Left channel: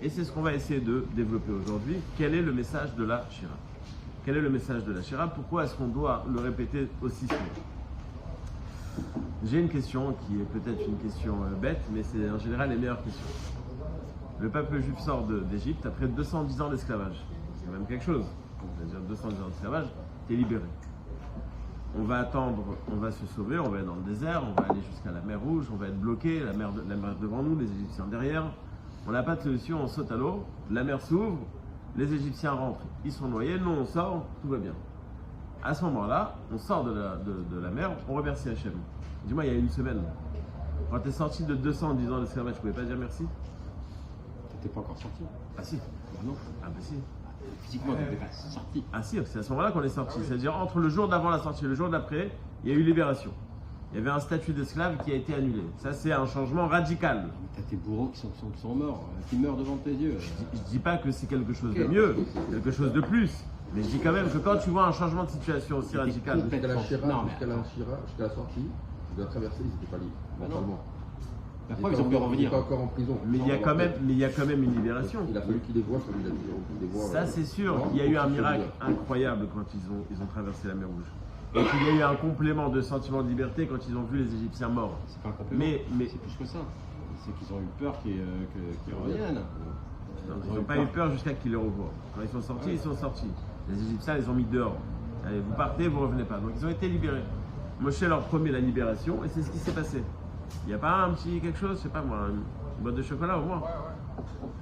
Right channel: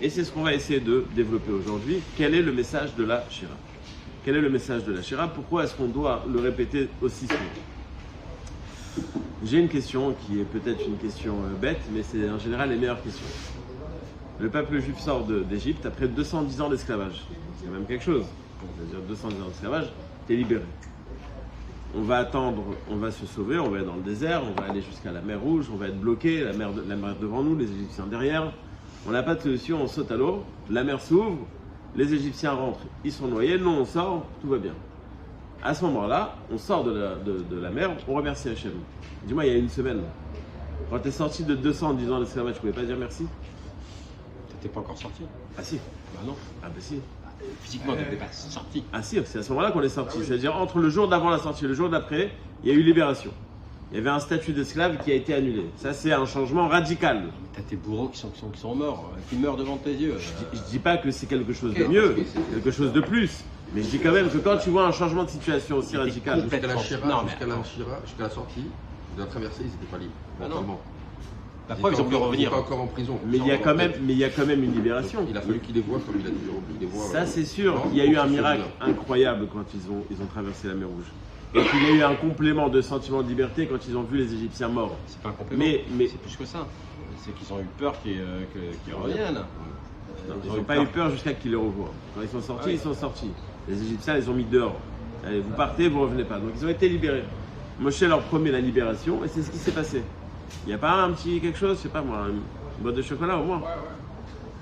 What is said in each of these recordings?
Et c'est ce qu'on va essayer de développer aujourd'hui. Quel est le message de la Shira? Quel est le message de la Shira? Pourquoi est-ce qu'on doit le répéter aussi souvent? J'ai une question qui est peut-être une question bête, mais c'est en général les meilleures questions. Le peuple juif sort d'Égypte après 210 ans d'esclavage. C'est quand même quelque chose. C'est-à-dire 210 ans d'esclavage, t'es libéré. On va attendre, on va se sauver, on va être dans le désert, on va aller jusqu'à la mer Rouge, on va être bloqué, la mer devant nous, les Égyptiens derrière. On n'a pas de solution, on saute à l'eau, la mer s'ouvre, les Égyptiens rentrent, ils sont noyés, nous on sort, tout va bien. À ce moment-là, on sort de la mer, on remercie Hachem. Dis-moi, il y a une semaine, quand tu es sorti de 210 ans d'esclavage, tu ne pouvais pas dire merci? T'étais pas encore sorti? Ah si. Ah non. Ah bah si. Physiquement, t'étais pas sorti. Ah si, c'est à ce moment-là qu'on est sorti. C'est-à-dire entre le jour d'avant la sortie et le jour d'après, il y a eu libération. Il y avait un statut d'esclave qui a été annulé. Ça, c'est un changement radical. T'as tes bourreaux qui sont morts, qui meurent devant tes yeux. Je dis pas que c'est quelque chose de mieux, quelque chose de plus. Mais je dis quand même que quand tu vois un changement de situation aussi radical. Jusqu'à la sortie, de la traversée, ils n'étaient pas libres. Ah non. La preuve, ils ont pu revenir. Encore en prison. Mais il y a quand même une libération. Il a fallu qu'ils les voient comme il a dû les voir. Ça, c'est sûr. Il y a eu un miracle incroyable quand ils ont traversé la mer Rouge. Et qu'il y a eu un complément de sentiment de liberté quand ils ont vu les Égyptiens morts. C'est pas un complément. Mais c'est plus que ça. C'est qu'ils ont eu peur qu'ils reviennent. Non, ils n'ont pas eu peur jusqu'à qu'ils les revoient. Quand ils sont sortis, ils sont sortis. Les Égyptiens les ont mis dehors. Allez, vous partez, vous revenez pas. Donc ils ont été libérés. Moshe leur promet la libération et c'est ce qui s'est passé. Il n'y a pas un petit quelque chose, je sais pas moi, une boîte de chocolat au moins.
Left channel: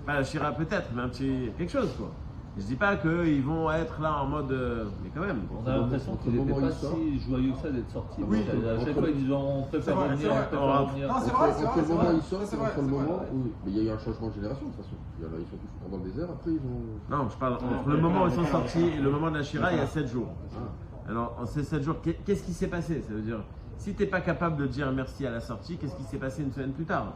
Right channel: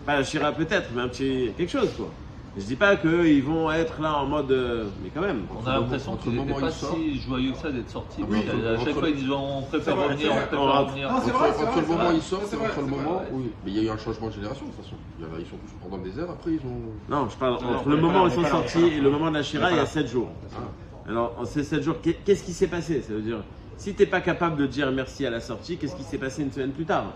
Pas la Shira peut-être, mais un petit quelque chose quoi. Je dis pas qu'ils vont être là en mode. Mais quand même. On a l'impression qu'ils n'étaient pas si joyeux que ça d'être sortis. Oui. À chaque fois, ils disent on préfère revenir, On rentre. Non, c'est vrai, Entre le c'est moment vrai. où ils sortent, C'est entre vrai, le c'est vrai. moment où. Mais il y a eu un changement de génération de toute façon. Ils sont tous pendant le désert, après ils ont. Non, je parle entre le moment où ils sont sortis et le moment de la Shira, il y a 7 jours. Alors, en ces 7 jours, qu'est-ce qui s'est passé? Ça veut dire, si tu n'es pas capable de dire merci à la sortie, qu'est-ce qui s'est passé une semaine plus tard?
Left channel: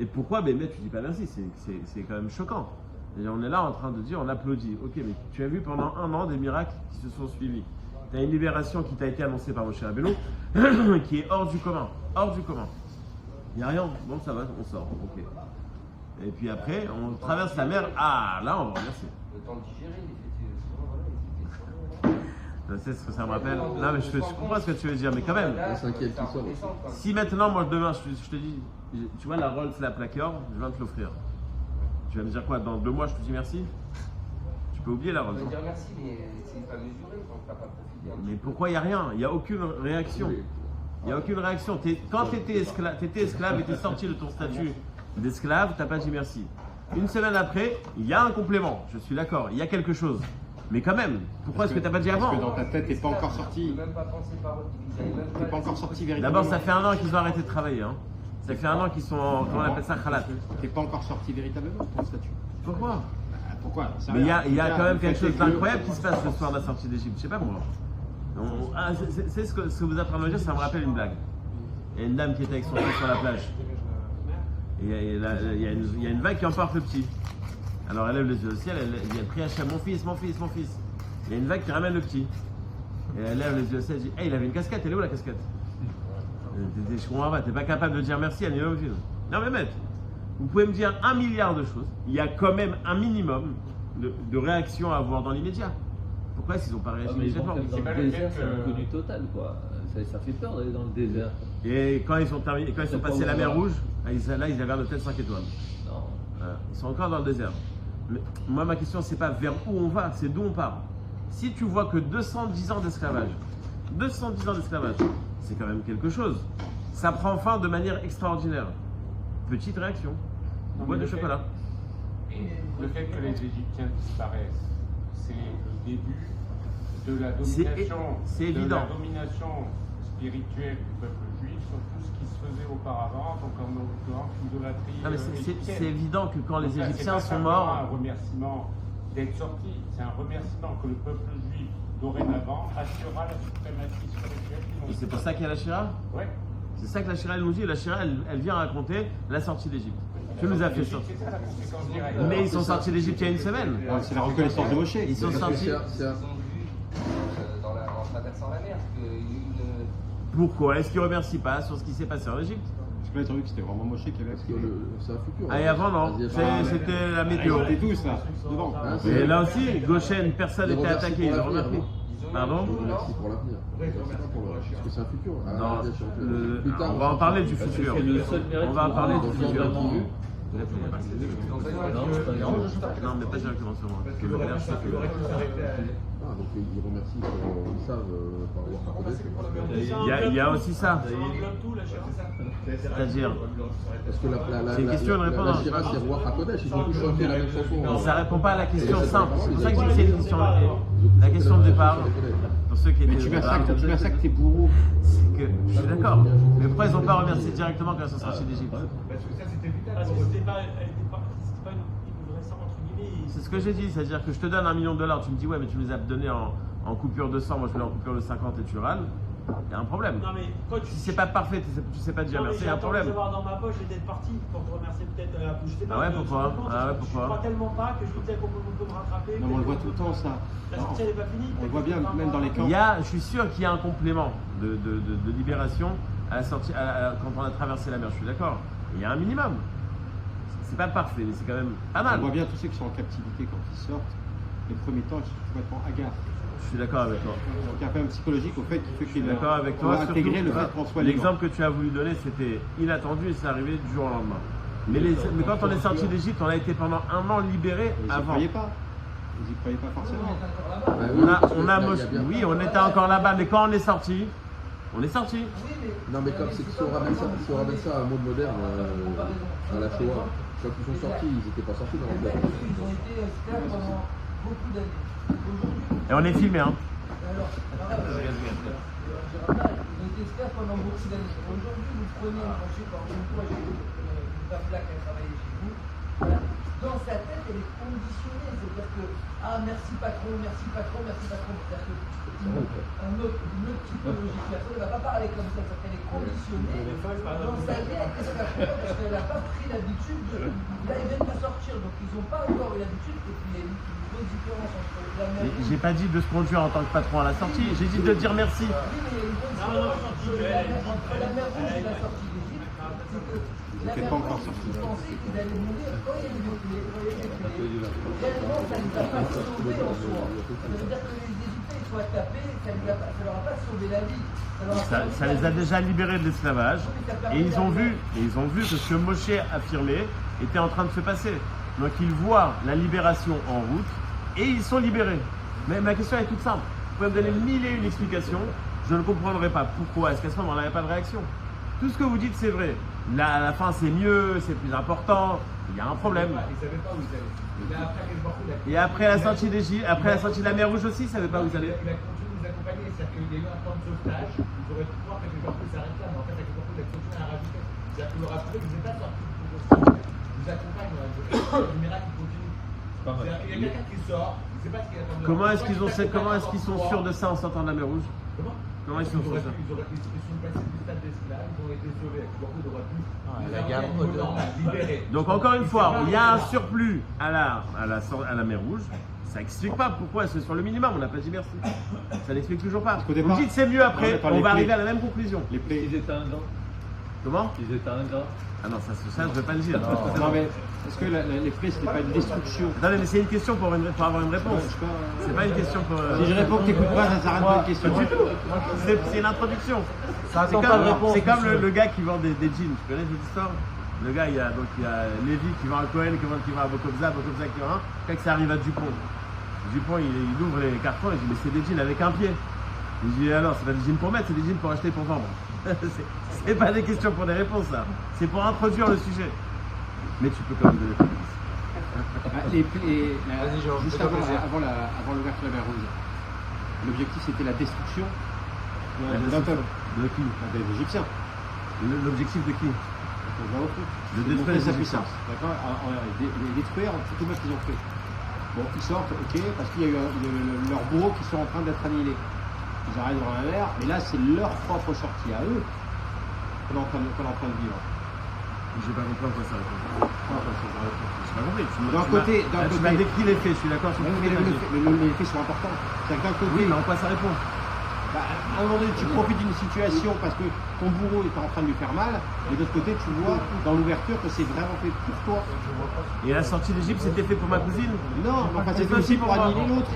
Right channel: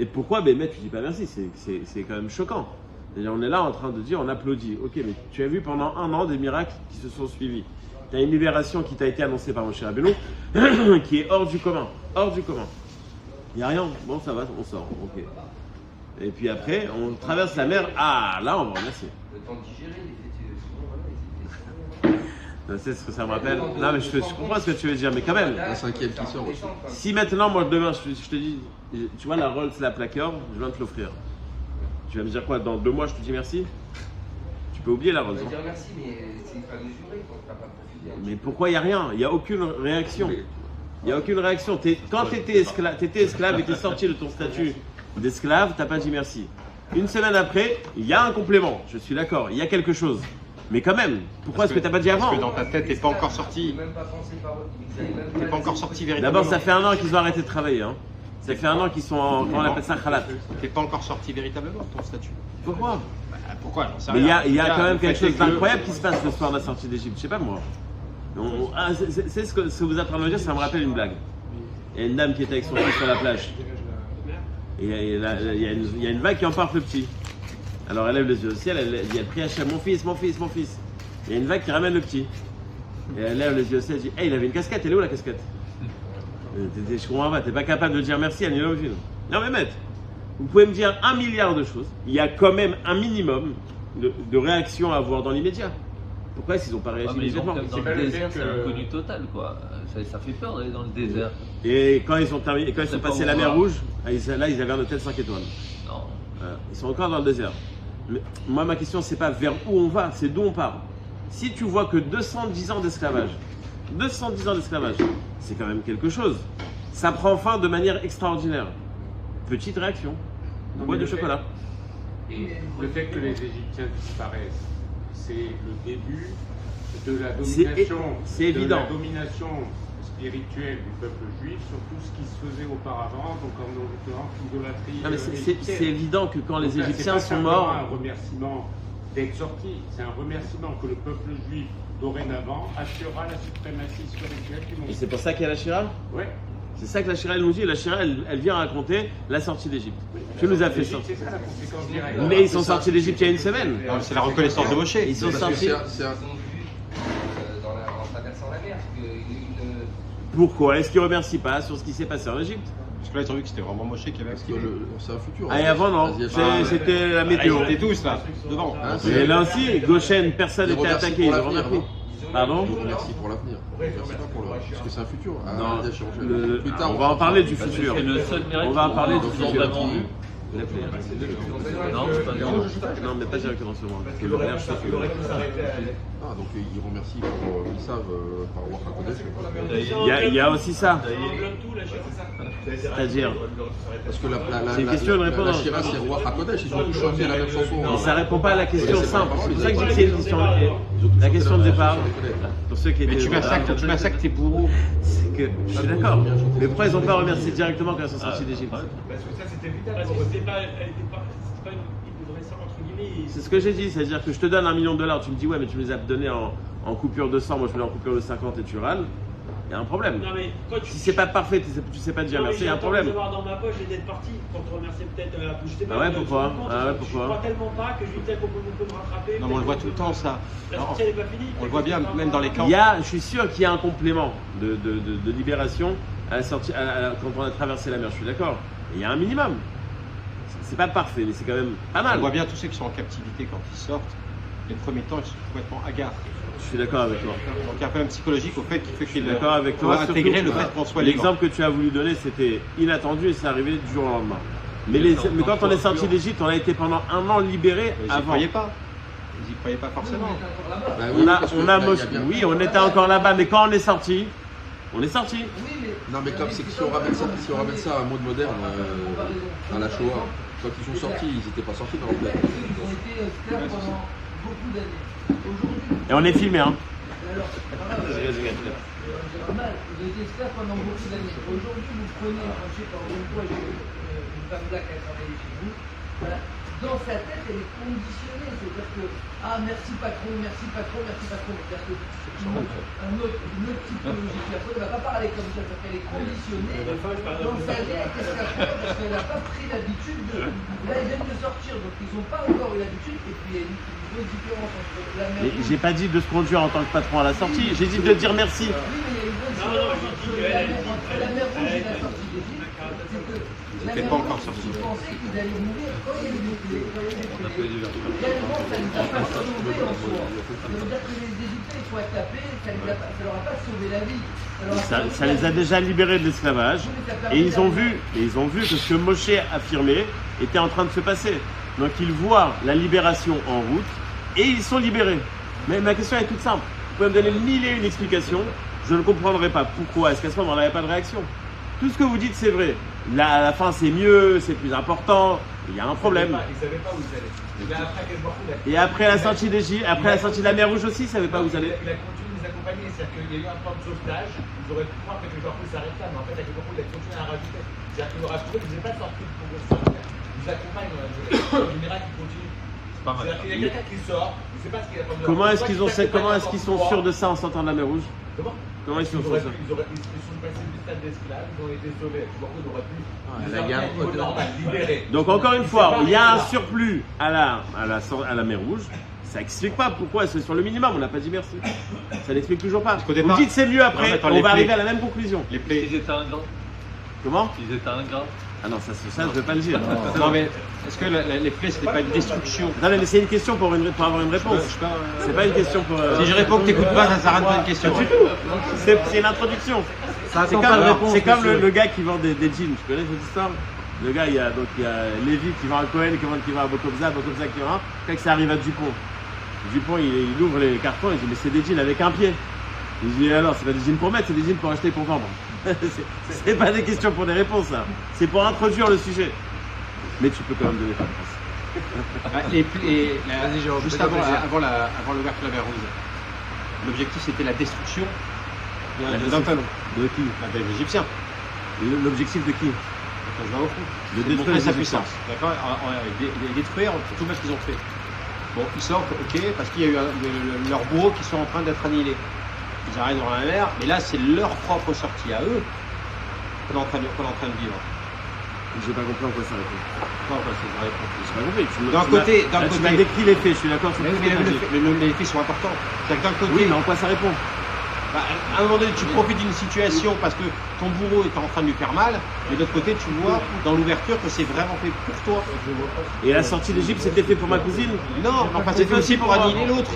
Et pourquoi Bémet, tu dis pas merci? C'est quand même choquant. C'est-à-dire, on est là en train de dire, on applaudit. Ok, mais tu as vu pendant un an des miracles qui se sont suivis. Tu as une libération qui t'a été annoncée par Moshe Rabbeinu, qui est hors du commun. Hors du commun. Il n'y a rien. Bon, ça va, on sort. Ok. Et puis après, on traverse la mer. Ah, là, on va remercier. Tu sais ce que ça me rappelle? Non, mais je comprends ce que tu veux dire, mais quand même. Un cinquième qui sort aussi. Si maintenant, moi, demain, je te dis, tu vois la Rolls, la plaqueur, je viens de te l'offrir. Tu vas me dire quoi? Dans 2 mois, je te dis merci? Tu peux oublier la Rolls. dire merci, mais c'est pas mesuré, quoi. Mais pourquoi il n'y a rien? Il n'y a aucune réaction. Il n'y a aucune réaction. Quand tu étais esclave et tu es sorti de ton statut d'esclave, tu n'as pas dit merci. Une semaine après, il y a un complément. Je suis d'accord, il y a quelque chose. Mais quand même, pourquoi est-ce que tu n'as pas dit avant? Parce que dans ta tête, t'es pas encore sorti. T'es pas encore sorti véritablement. D'abord, ça fait 1 an qu'ils ont arrêté de travailler. Hein. Ça fait 1 an qu'ils sont en, comment on appelle ça, khalat. T'es pas encore sorti véritablement de ton statut. Pourquoi? Pourquoi? J'en sais Mais rien. il y a quand même Le quelque fait chose est que- d'incroyable qui se passe le soir de la sortie d'Égypte. Je sais pas moi. C'est ce que vous êtes en train de me dire, ça me rappelle une blague. Il y a une dame qui était avec son fils sur la plage. Et il y a une vague qui emporte le petit. Alors elle lève les yeux au ciel, elle prie Hachem, mon fils, mon fils, mon fils. Il y a une vague qui ramène le petit. Et elle lève les yeux au ciel, elle dit, hey, il avait une casquette, elle est où la casquette? Je comprends pas, t'es pas capable de dire merci à Nilo Film. Non mais maître, vous pouvez me dire 1 milliard de choses, il y a quand même un minimum de réaction à avoir dans l'immédiat. Pourquoi est-ce qu'ils n'ont pas réagi immédiatement? Dans le désert, c'est l'inconnu total, quoi. Ça fait peur d'aller dans le désert. Et quand ils sont passés la mer Rouge, là ils avaient un hôtel 5 étoiles. Non. Ils sont encore dans le désert. Mais moi ma question c'est pas vers où on va, c'est d'où on part. Si tu vois que 210 ans d'esclavage, c'est quand même quelque chose. Ça prend fin de manière extraordinaire. Petite réaction, une boîte de chocolat. Le fait que les Égyptiens disparaissent, c'est le début de la domination, c'est évident. De la domination spirituelle du peuple juif sur tout ce qui se faisait auparavant, donc en l'occurrence l'idolâtrie. Non, mais c'est évident que quand les Donc là, Égyptiens c'est pas sont morts, simplement un remerciement d'être sorti, c'est un remerciement que le peuple juif dorénavant assurera la suprématie spirituelle du et monde. c'est pour ça qu'il y a la Shira. Ouais. C'est ça que la Shira elle nous dit. La Shira elle vient raconter la sortie d'Égypte. Tu nous as fait C'est sortir. ça, c'est quand je dirais. Mais ils sont sortis d'Égypte il y a une semaine. Non, c'est la reconnaissance de Moshe. Ils sont sortis. Ils ont vu en traversant la mer. Pourquoi est-ce qu'ils ne remercient pas sur ce qui s'est passé en Égypte? Parce que là, ils ont vu que c'était vraiment Moshe qui avait Parce que activé. c'est un futur. Ah, et avant, non. C'était la météo. Ils étaient tous là, devant. Mais là aussi, Goshen, personne n'était attaqué, ils ont remarqué. Pardon? Merci pour l'avenir. Merci pas pour le- Parce que c'est un futur. Non, Des changements. Plus tard, on va en parler du futur. C'est le seul mérite On va en qu'on parler a du futur. vraiment vu. L'appelez. Non, c'est pas dur. Non, mais pas directement sur moi. Parce que le maire, je sais que. Ah, donc ils remercient pour ils savent par rapport à la Il y a aussi ça. C'est-à-dire, Parce que c'est une question de répondre. La Shira, c'est roi à Kodesh, ils ont pu revenir à la même chanson. Mais ça répond pas à la question simple. C'est pour ça que je dis que c'est une question. La question de départ, pour ceux qui étaient Mais tu au départ, massacres tes bourreaux. c'est que je suis d'accord. Mais pourquoi ils n'ont pas remercié directement quand ils sont sortis d'Égypte? Parce que c'était pas une vraie somme entre guillemets. C'est ce que j'ai dit, c'est-à-dire que je te donne $1 million, tu me dis ouais mais tu me les as donnés en coupure de 100, moi je voulais en coupure de 50 et tu râles, il y a un problème. Non, mais quand tu- Si c'est pas parfait, tu sais pas dire merci, il y a un problème. Je vais avoir dans ma poche et d'être parti pour te remercier peut-être je sais pas. Ah ouais, pourquoi? Ah ouais, pourquoi? Je crois tellement pas que je vais peut-être qu'on peut me rattraper. Non, mais on le voit tout le temps, ça. La Non, sortie elle est pas finie. on le voit bien, même dans les camps. Je suis sûr qu'il y a un complément de libération à la sortie, quand on a traversé la mer, je suis d'accord. Il y a un minimum. C'est pas parfait, mais c'est quand même pas On mal. voit bien tous ceux qui sont en captivité quand ils sortent. Les premiers temps, ils sont complètement hagards. Je suis d'accord avec toi. Donc il y a un problème psychologique au fait qui fait Je suis qu'ils d'accord avec toi. doivent intégrer le Surtout, fait qu'on soit libre. l'exemple que tu as voulu donner, c'était inattendu et c'est arrivé du jour au lendemain. Mais quand on est sorti d'Égypte, on a été pendant un an libérés Ils n'y avant. croyaient pas. Ils n'y croyaient pas forcément. Oui, on était encore là-bas, mais quand on est sorti, on est sorti. Non, mais comme c'est que si on ramène ça à un monde moderne, à la Shoah, quand ils sont sortis, ils n'étaient pas sortis dans le monde. Et on est filmé, hein. Dans sa tête, elle est conditionnée, c'est-à-dire que merci patron, merci patron, merci patron. C'est-à-dire que une autre typologie de personne ne va pas parler comme ça, c'est-à-dire qu'elle est conditionnée dans sa tête, qu'est-ce qu'elle fait parce qu'elle n'a pas pris l'habitude de. Là, ils viennent de sortir, donc ils n'ont pas encore eu l'habitude, et puis il y a une grosse différence entre la Mais j'ai pas dit de se conduire en tant que patron à la sortie, j'ai dit de dire merci. Ils n'étaient pas encore sortis. Ils pensaient qu'ils allaient mourir comme ils voulaient. Tellement ça ne les a pas sauvés en soi. Ça veut dire que les Égyptiens soient tapés, ça ne leur a pas sauvé la vie. Ça les a déjà libérés de l'esclavage et ils ont vu que ce que Moshe affirmait était en train de se passer. Donc ils voient la libération en route et ils sont libérés. Mais ma question est toute simple. Vous pouvez me donner 1001 explications, je ne comprendrai pas pourquoi. Est-ce qu'à ce moment il n'y avait pas de réaction? Tout ce que vous dites c'est vrai. Là, à la fin c'est mieux, c'est plus important. Il y a un problème. Ils ne savaient pas où ils allaient. Mais après, Et après la sortie d'Égypte, après la sortie de la mer Rouge aussi, ils ne savaient pas où ils allaient. il a continué de nous accompagner. C'est-à-dire qu'il y a eu un plan de sauvetage. Ils auraient pu croire que les gens s'arrêtent là, mais en fait, avec le concours, il a continué à rajouter. C'est-à-dire qu'il nous rassure, vous n'êtes pas sortis pour vous sortir. Ils nous accompagnent. Le miracle continue. C'est-à-dire qu'il y a quelqu'un qui sort. Je ne sais pas ce qu'il a pas. Comment est-ce qu'ils sont sûrs de ça en sortant de la mer Rouge? Comment ils sont sûrs de ça? Ils sont passés du stade d'esclaves, ils ont été sauvés. Ils auraient pu La guerre à un niveau normal, libérés. Donc encore une fois, il y a un surplus à la mer Rouge. Ça explique pas pourquoi c'est sur le minimum. On n'a pas dit merci. Ça n'explique toujours pas. qu'au Vous départ- me dites c'est mieux Non, mais après. attends, On les va plaies- arriver à la même conclusion. Les plaies. Ils étaient ingrats. Comment? Ils étaient ingrats. Ah non, ça je veux pas le dire. Non, mais est-ce que les plaies, c'était pas une destruction? Non mais c'est une question pour avoir une réponse. C'est pas une question pour. Si je réponds que t'écoutes pas, ça sert à rien de poser une question. Pas du tout. C'est une introduction. C'est comme le gars qui vend des jeans. Tu connais cette histoire? Le gars, il y a Lévi qui vend à Cohen, qui vend à Bokobza qui vend. Quand ça arrive à Dupont. Dupont, il ouvre les cartons et il dit mais c'est des jeans avec un pied. Il dit alors c'est pas des jeans pour mettre, c'est des jeans pour acheter et pour vendre. c'est pas des questions pour des réponses, ça. C'est pour introduire le sujet. Mais tu peux quand même donner ta réponse. Juste avant l'ouverture de la mer Rouge, l'objectif c'était la destruction La d'un peuple, de qui? des Égyptiens. L'objectif de qui? De détruire les sa Égyptiens. puissance. D'accord. Les détruire tout ce qu'ils ont fait. Bon, ils sortent, ok, parce qu'il y a eu leurs bourreaux qui sont en train d'être annihilés. Ils arrivent dans la mer, mais là c'est leur propre sortie à eux qu'on est en train de vivre. J'ai pas compris en quoi ça répond. Pourquoi? Parce que ça répond. J'ai pas compris. Tu m'as décrit les faits, je suis d'accord sur tout ce que tu as dit. Mais les faits sont importants. C'est-à-dire que d'un côté, Oui, mais en quoi ça répond? À un moment donné, tu profites d'une situation parce que ton bourreau est en train de lui faire mal, mais de l'autre côté, tu vois dans l'ouverture que c'est vraiment fait pour toi. Et la sortie d'Égypte, c'était fait pour ma cousine? Non, enfin, c'est fait aussi pour annihiler l'autre.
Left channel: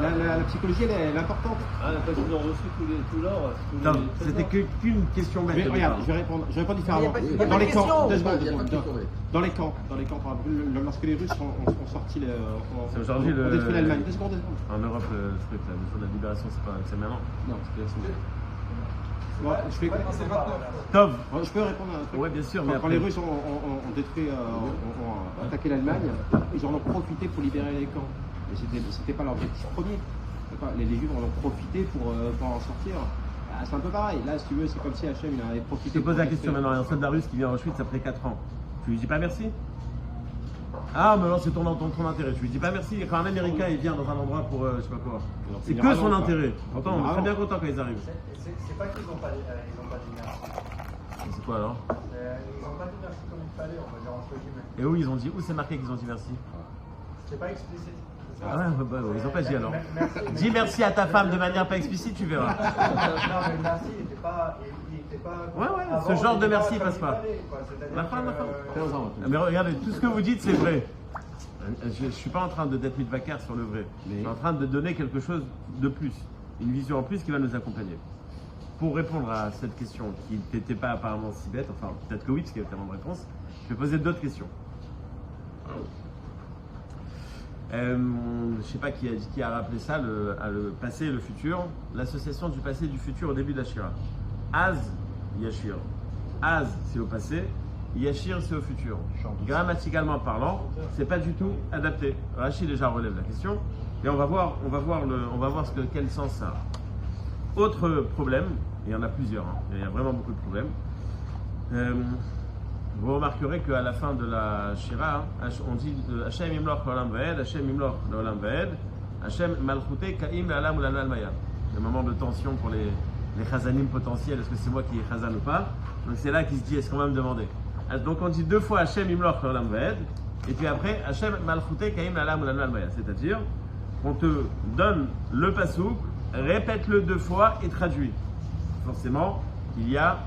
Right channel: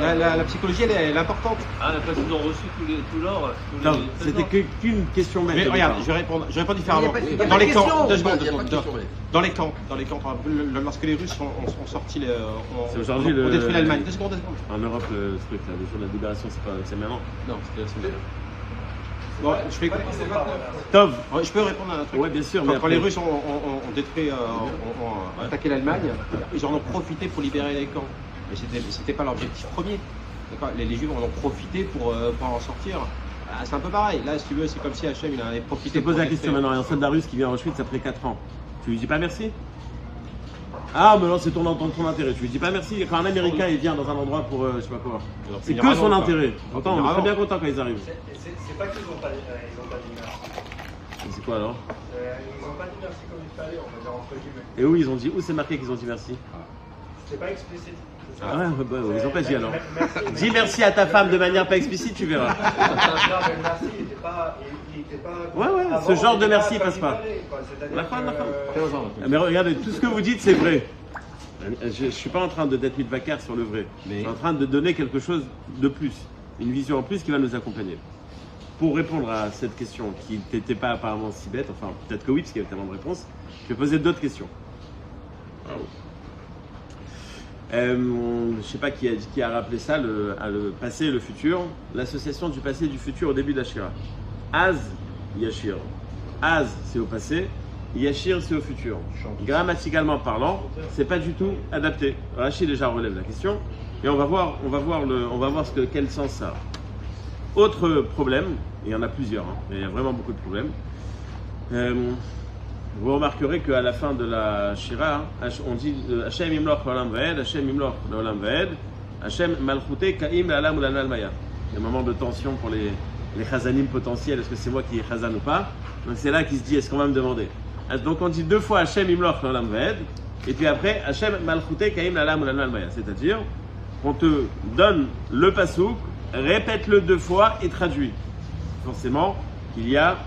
La psychologie, elle est importante. Ah, parce qu'ils ont reçu tout l'or. Non, c'était qu'une question bête. Mais au regarde, départ. je réponds différemment. Il y a pas de Dans les camps, question. 2 secondes. Dans les camps, lorsque les Russes ont sorti C'est aujourd'hui ont le- détruit l'Allemagne. 2 secondes. En Europe, ce truc-là, le jour de la libération, c'est maintenant. Non, c'était la semaine. Bon, je fais écouter cette note. Tov. Ouais, je peux répondre à un truc. Ouais, bien sûr, mais Quand les après. Russes ont détruit, ont attaqué l'Allemagne, ils en ont profité pour libérer les camps. Mais c'était pas l'objectif premier. D'accord, les Juifs en ont profité pour en sortir. Ah, c'est un peu pareil. Là, si tu veux, c'est comme si Hachem il en avait Je profité. te pose pour la question détruire. maintenant. Il y a un soldat russe qui vient à Auschwitz après 4 ans. Tu lui dis pas merci? Ah, mais non, c'est ton intérêt. Tu lui dis pas merci. Quand un Américain il vient dans un endroit pour je sais pas quoi, c'est que son intérêt. Pourtant, on est très bien content quand ils arrivent. C'est pas qu'ils n'ont pas dit merci. C'est quoi alors? Ils n'ont pas dit merci comme il fallait, on va dire entre guillemets. Et où ils ont dit? Où c'est marqué qu'ils ont dit merci? C'est pas explicite. Ah ouais, bah, ils ont pas dit alors. Merci. Dis merci à ta femme de manière pas explicite, tu verras. Non, mais le merci, il était pas. Ouais, avant, ce genre il de était merci comme passe il pas. fallait, quoi. C'est-à-dire La fin, que, la fin. Mais regardez, tout ce que vous dites, c'est vrai. Je ne suis pas en train d'être mitvacar sur le vrai. Je suis en train de donner quelque chose de plus, une vision en plus qui va nous accompagner. Pour répondre à cette question qui n'était pas apparemment si bête, enfin peut-être que oui, parce qu'il y avait tellement de réponses, je vais poser d'autres questions. Je ne sais pas qui a rappelé ça, le passé et le futur. L'association du passé et du futur au début d'Ashira. Az, Yashir. Az, c'est au passé. Yashir, c'est au futur. Grammaticalement parlant, c'est pas du tout adapté. Rachid déjà relève la question et on va voir quel sens ça a. Autre problème, et il y en a plusieurs, hein, il y a vraiment beaucoup de problèmes. Vous remarquerez qu'à la fin de la Shira, on dit Hashem imloch l'olam vaed, Hashem imloch l'olam vaed, Hashem malchute kaim l'alam ou l'almal maya. Il y a un moment de tension pour les chazanim potentiels, est-ce que c'est moi qui est chazan ou pas? Donc c'est là qu'il se dit, est-ce qu'on va me demander? Donc on dit 2 fois Hashem imloch l'olam vaed, et puis après Hashem malchute kaim l'alam ou l'almal maya. C'est-à-dire qu'on te donne le pasouk, répète-le 2 fois et traduit. Forcément, il y a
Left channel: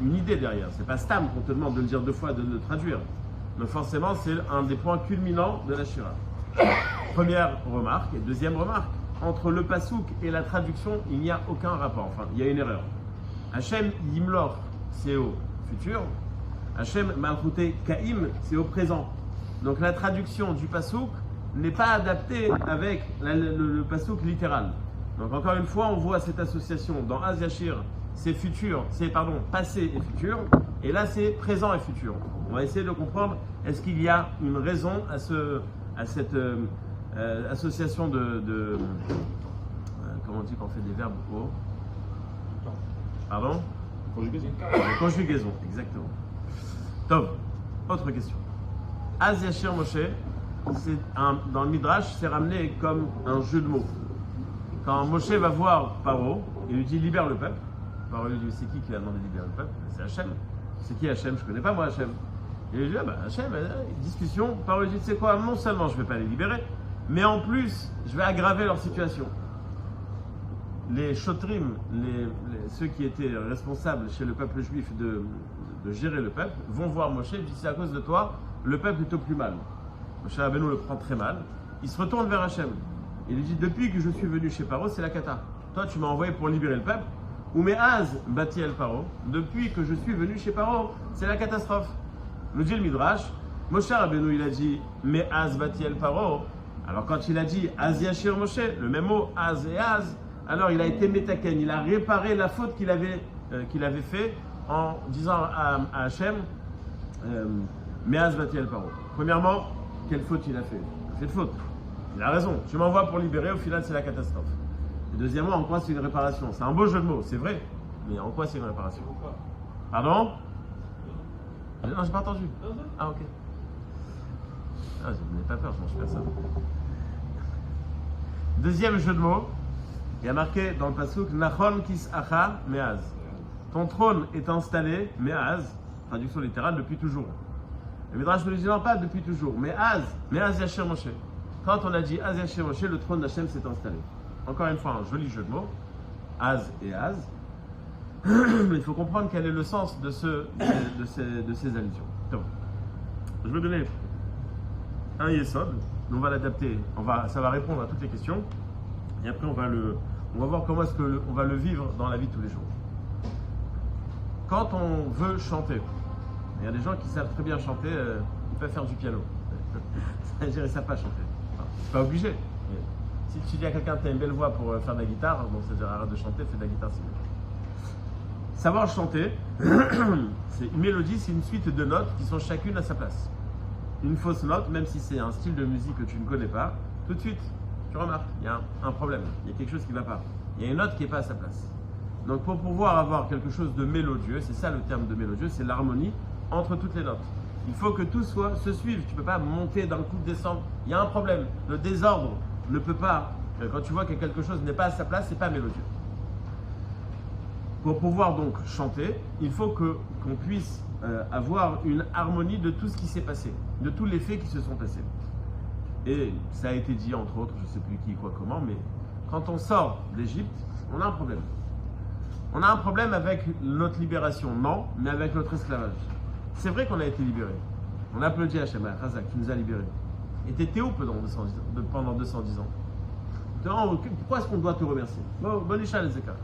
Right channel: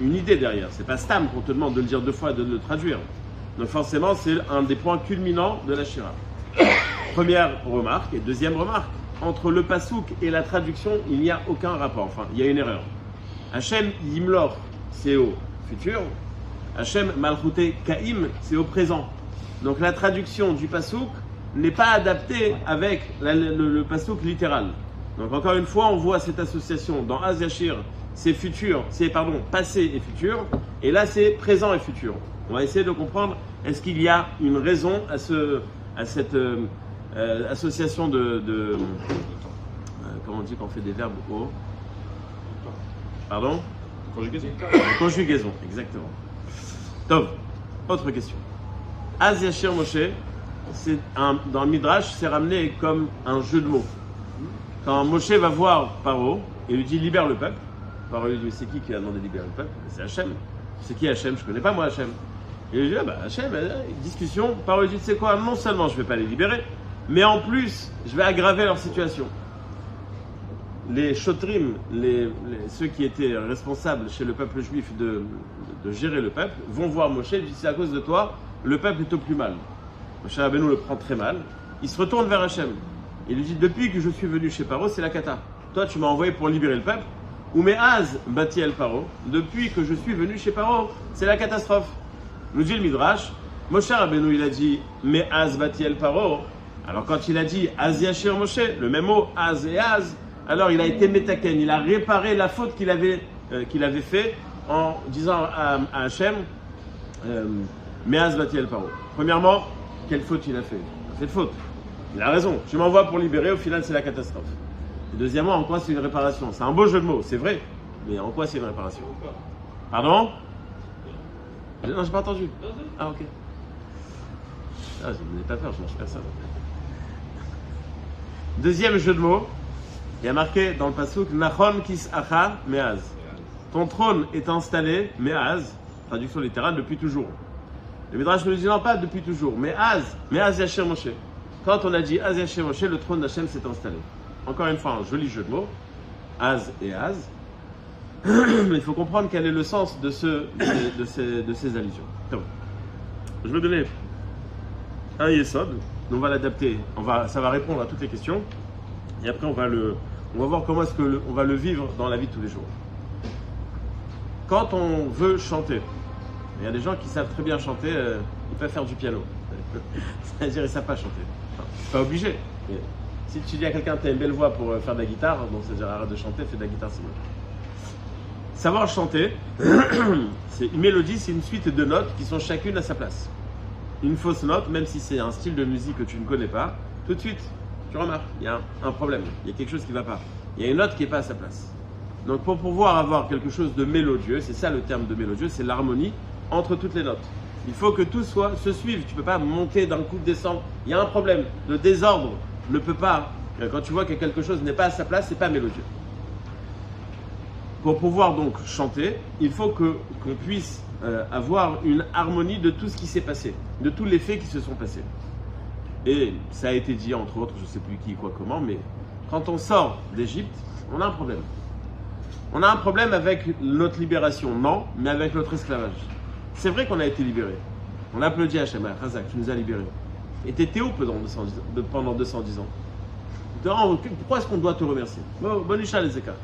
une idée derrière. C'est pas stam qu'on te demande de le dire 2 fois et de le traduire. Donc forcément, c'est un des points culminants de la Shira. Première remarque et deuxième remarque. Entre le pasouk et la traduction, il n'y a aucun rapport. Enfin, il y a une erreur. Hashem yimlor, c'est au futur. Hashem malchute kaim, c'est au présent. Donc la traduction du pasouk n'est pas adaptée avec le pasouk littéral. Donc encore une fois, on voit cette association dans Az Yashir, c'est passé et futur, et là c'est présent et futur. On va essayer de comprendre, est-ce qu'il y a une raison à cette association comment on dit quand on fait des verbes au... Pardon? Conjugaison, exactement. Tov, autre question. Az Yashir Moshe, dans le Midrash, c'est ramené comme un jeu de mots. Quand Moshe va voir Paro et lui dit libère le peuple, Paro lui dit mais c'est qui a demandé de libérer le peuple? C'est Hachem. C'est qui Hachem? Je ne connais pas moi Hachem. Et il lui dit Hachem, discussion. Paro lui dit c'est quoi? Non seulement je ne vais pas les libérer, mais en plus je vais aggraver leur situation. Les shotrim, ceux qui étaient responsables chez le peuple juif de gérer le peuple, vont voir Moshe et disent c'est à cause de toi, le peuple est au plus mal. Moshe Rabbeinu le prend très mal. Il se retourne vers Hachem. Il lui dit depuis que je suis venu chez Paro, c'est la cata. Toi, tu m'as envoyé pour libérer le peuple. Ou mais Az bati el Paro. Depuis que je suis venu chez Paro, c'est la catastrophe. Nous dit le Midrash. Moshe Rabbeinu, il a dit mais Az bati el Paro. Alors quand il a dit Az Yashir Moshe, le même mot Az et Az, alors il a été métaken. Il a réparé la faute qu'il avait fait en disant à Hachem mais Az bati el Paro. Premièrement, quelle faute il a fait? Cette faute. Il a raison, tu m'envoies pour libérer, au final c'est la catastrophe. Et deuxièmement, en quoi c'est une réparation? C'est un beau jeu de mots, c'est vrai, mais en quoi c'est une réparation? Pardon? Non, j'ai pas entendu. Ah, ok. Ah, je ne me pas peur, je mange personne. Deuxième jeu de mots, il y a marqué dans le passouk Nachon kis acha meaz. Ton trône est installé, meaz, traduction littérale, depuis toujours. Le Midrash nous dit non, pas depuis toujours, mais Az Yashir Moshe. Quand on a dit Az Yashir Moshe, le trône d'Hachem s'est installé. Encore une fois, un joli jeu de mots. Az et Az. Il faut comprendre quel est le sens de ces allusions. Donc, je vais donner un Yesod, on va l'adapter, ça va répondre à toutes les questions, et après on va voir comment est-ce qu'on va le vivre dans la vie de tous les jours. Quand on veut chanter, il y a des gens qui savent très bien chanter, ils peuvent faire du piano. C'est-à-dire ils ne savent pas chanter. Enfin, pas obligé. Mais si tu dis à quelqu'un tu as une belle voix pour faire de la guitare, donc c'est-à-dire arrête de chanter, fais de la guitare, c'est mieux. Savoir chanter, c'est une mélodie, c'est une suite de notes qui sont chacune à sa place. Une fausse note, même si c'est un style de musique que tu ne connais pas, tout de suite, tu remarques, il y a un problème, il y a quelque chose qui ne va pas. Il y a une note qui n'est pas à sa place. Donc pour pouvoir avoir quelque chose de mélodieux, c'est ça le terme de mélodieux, c'est l'harmonie entre toutes les notes. Il faut que tout se suive, tu ne peux pas monter d'un coup, descendre. Il y a un problème, le désordre ne peut pas, quand tu vois que quelque chose n'est pas à sa place, c'est pas mélodieux. Pour pouvoir donc chanter, il faut qu'on puisse avoir une harmonie de tout ce qui s'est passé, de tous les faits qui se sont passés. Et ça a été dit entre autres, je ne sais plus qui, quoi, comment, mais quand on sort d'Égypte, on a un problème. On a un problème avec notre libération, non, mais avec notre esclavage. C'est vrai qu'on a été libérés. On applaudit Hachem, Razak, tu nous as libérés. Et tu étais où pendant 210 ans? Pourquoi est-ce qu'on doit te remercier? Bonisha les Ekara.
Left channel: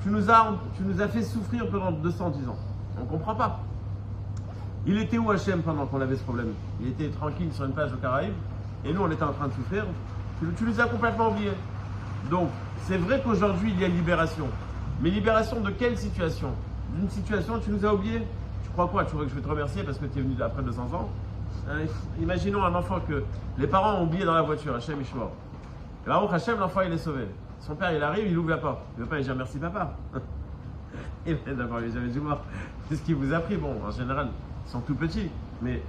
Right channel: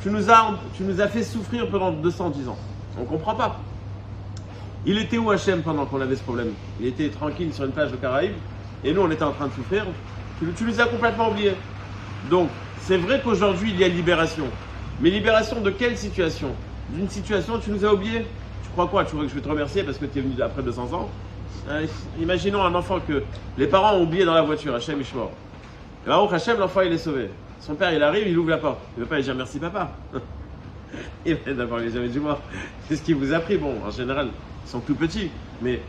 Tu nous as fait souffrir pendant 210 ans. On ne comprend pas. Il était où Hachem pendant qu'on avait ce problème? Il était tranquille sur une plage aux Caraïbes et nous on était en train de souffrir. Tu nous as complètement oubliés. Donc c'est vrai qu'aujourd'hui il y a libération. Mais libération de quelle situation? D'une situation tu nous as oubliés? Tu crois quoi? Tu crois que je vais te remercier parce que tu es venu après 200 ans? Imaginons un enfant que les parents ont oublié dans la voiture, Hachem Ishmor. Et là, Hachem, l'enfant il est sauvé. Son père, il arrive, il ouvre la porte. Il ne va pas lui dire merci papa. Il va d'abord lui dire, dis-moi, qu'est-ce qu'il vous a pris? Bon, en général, ils sont tout petits, mais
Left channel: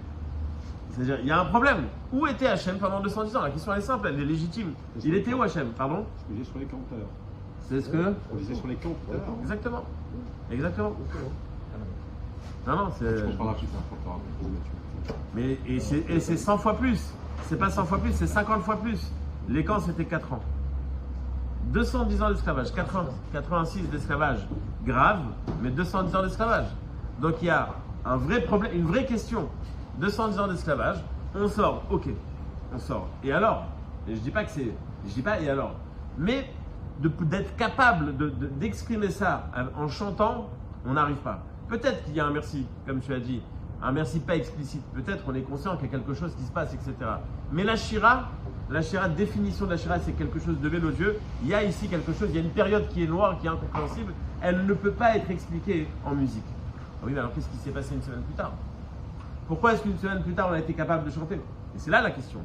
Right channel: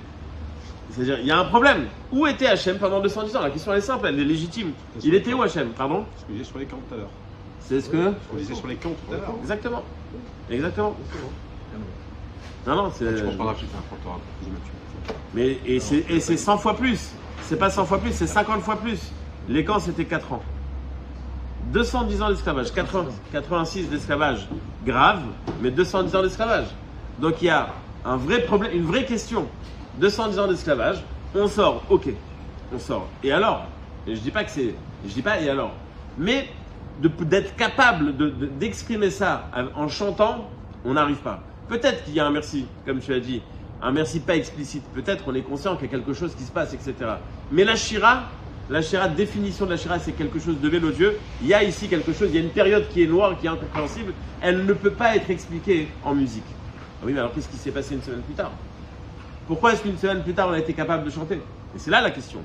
c'est-à-dire, il y a un problème. Où était Hachem pendant 210 ans? La question elle est simple, elle est légitime. Il était où Hachem? Pardon? Ce que je disais sur les camps tout à l'heure. C'est ce que? Ce qu'on disait sur les camps tout à l'heure. Exactement. Exactement. Non, c'est. Tu m'en parleras plus tard quand tu auras compris. Mais et c'est 100 fois plus. C'est pas 100 fois plus, c'est 50 fois plus. Les camps, c'était 4 ans. 210 ans d'esclavage, 86 d'esclavage grave, mais 210 ans d'esclavage. Donc il y a un vrai problème, une vraie question. 210 ans d'esclavage, on sort, ok, on sort. Et alors? Et je dis pas et alors? Mais d'être capable d'exprimer ça en chantant, on n'arrive pas. Peut-être qu'il y a un merci, comme tu as dit, un merci pas explicite. Peut-être on est conscient qu'il y a quelque chose qui se passe, etc. Mais la shira, définition de la shira, c'est quelque chose de mélodieux. Il y a ici quelque chose, il y a une période qui est noire, qui est incompréhensible. Elle ne peut pas être expliquée en musique. Oui, mais alors qu'est-ce qui s'est passé une semaine plus tard? Pourquoi est-ce qu'une semaine plus tard, on a été capable de chanter? Et c'est là la question.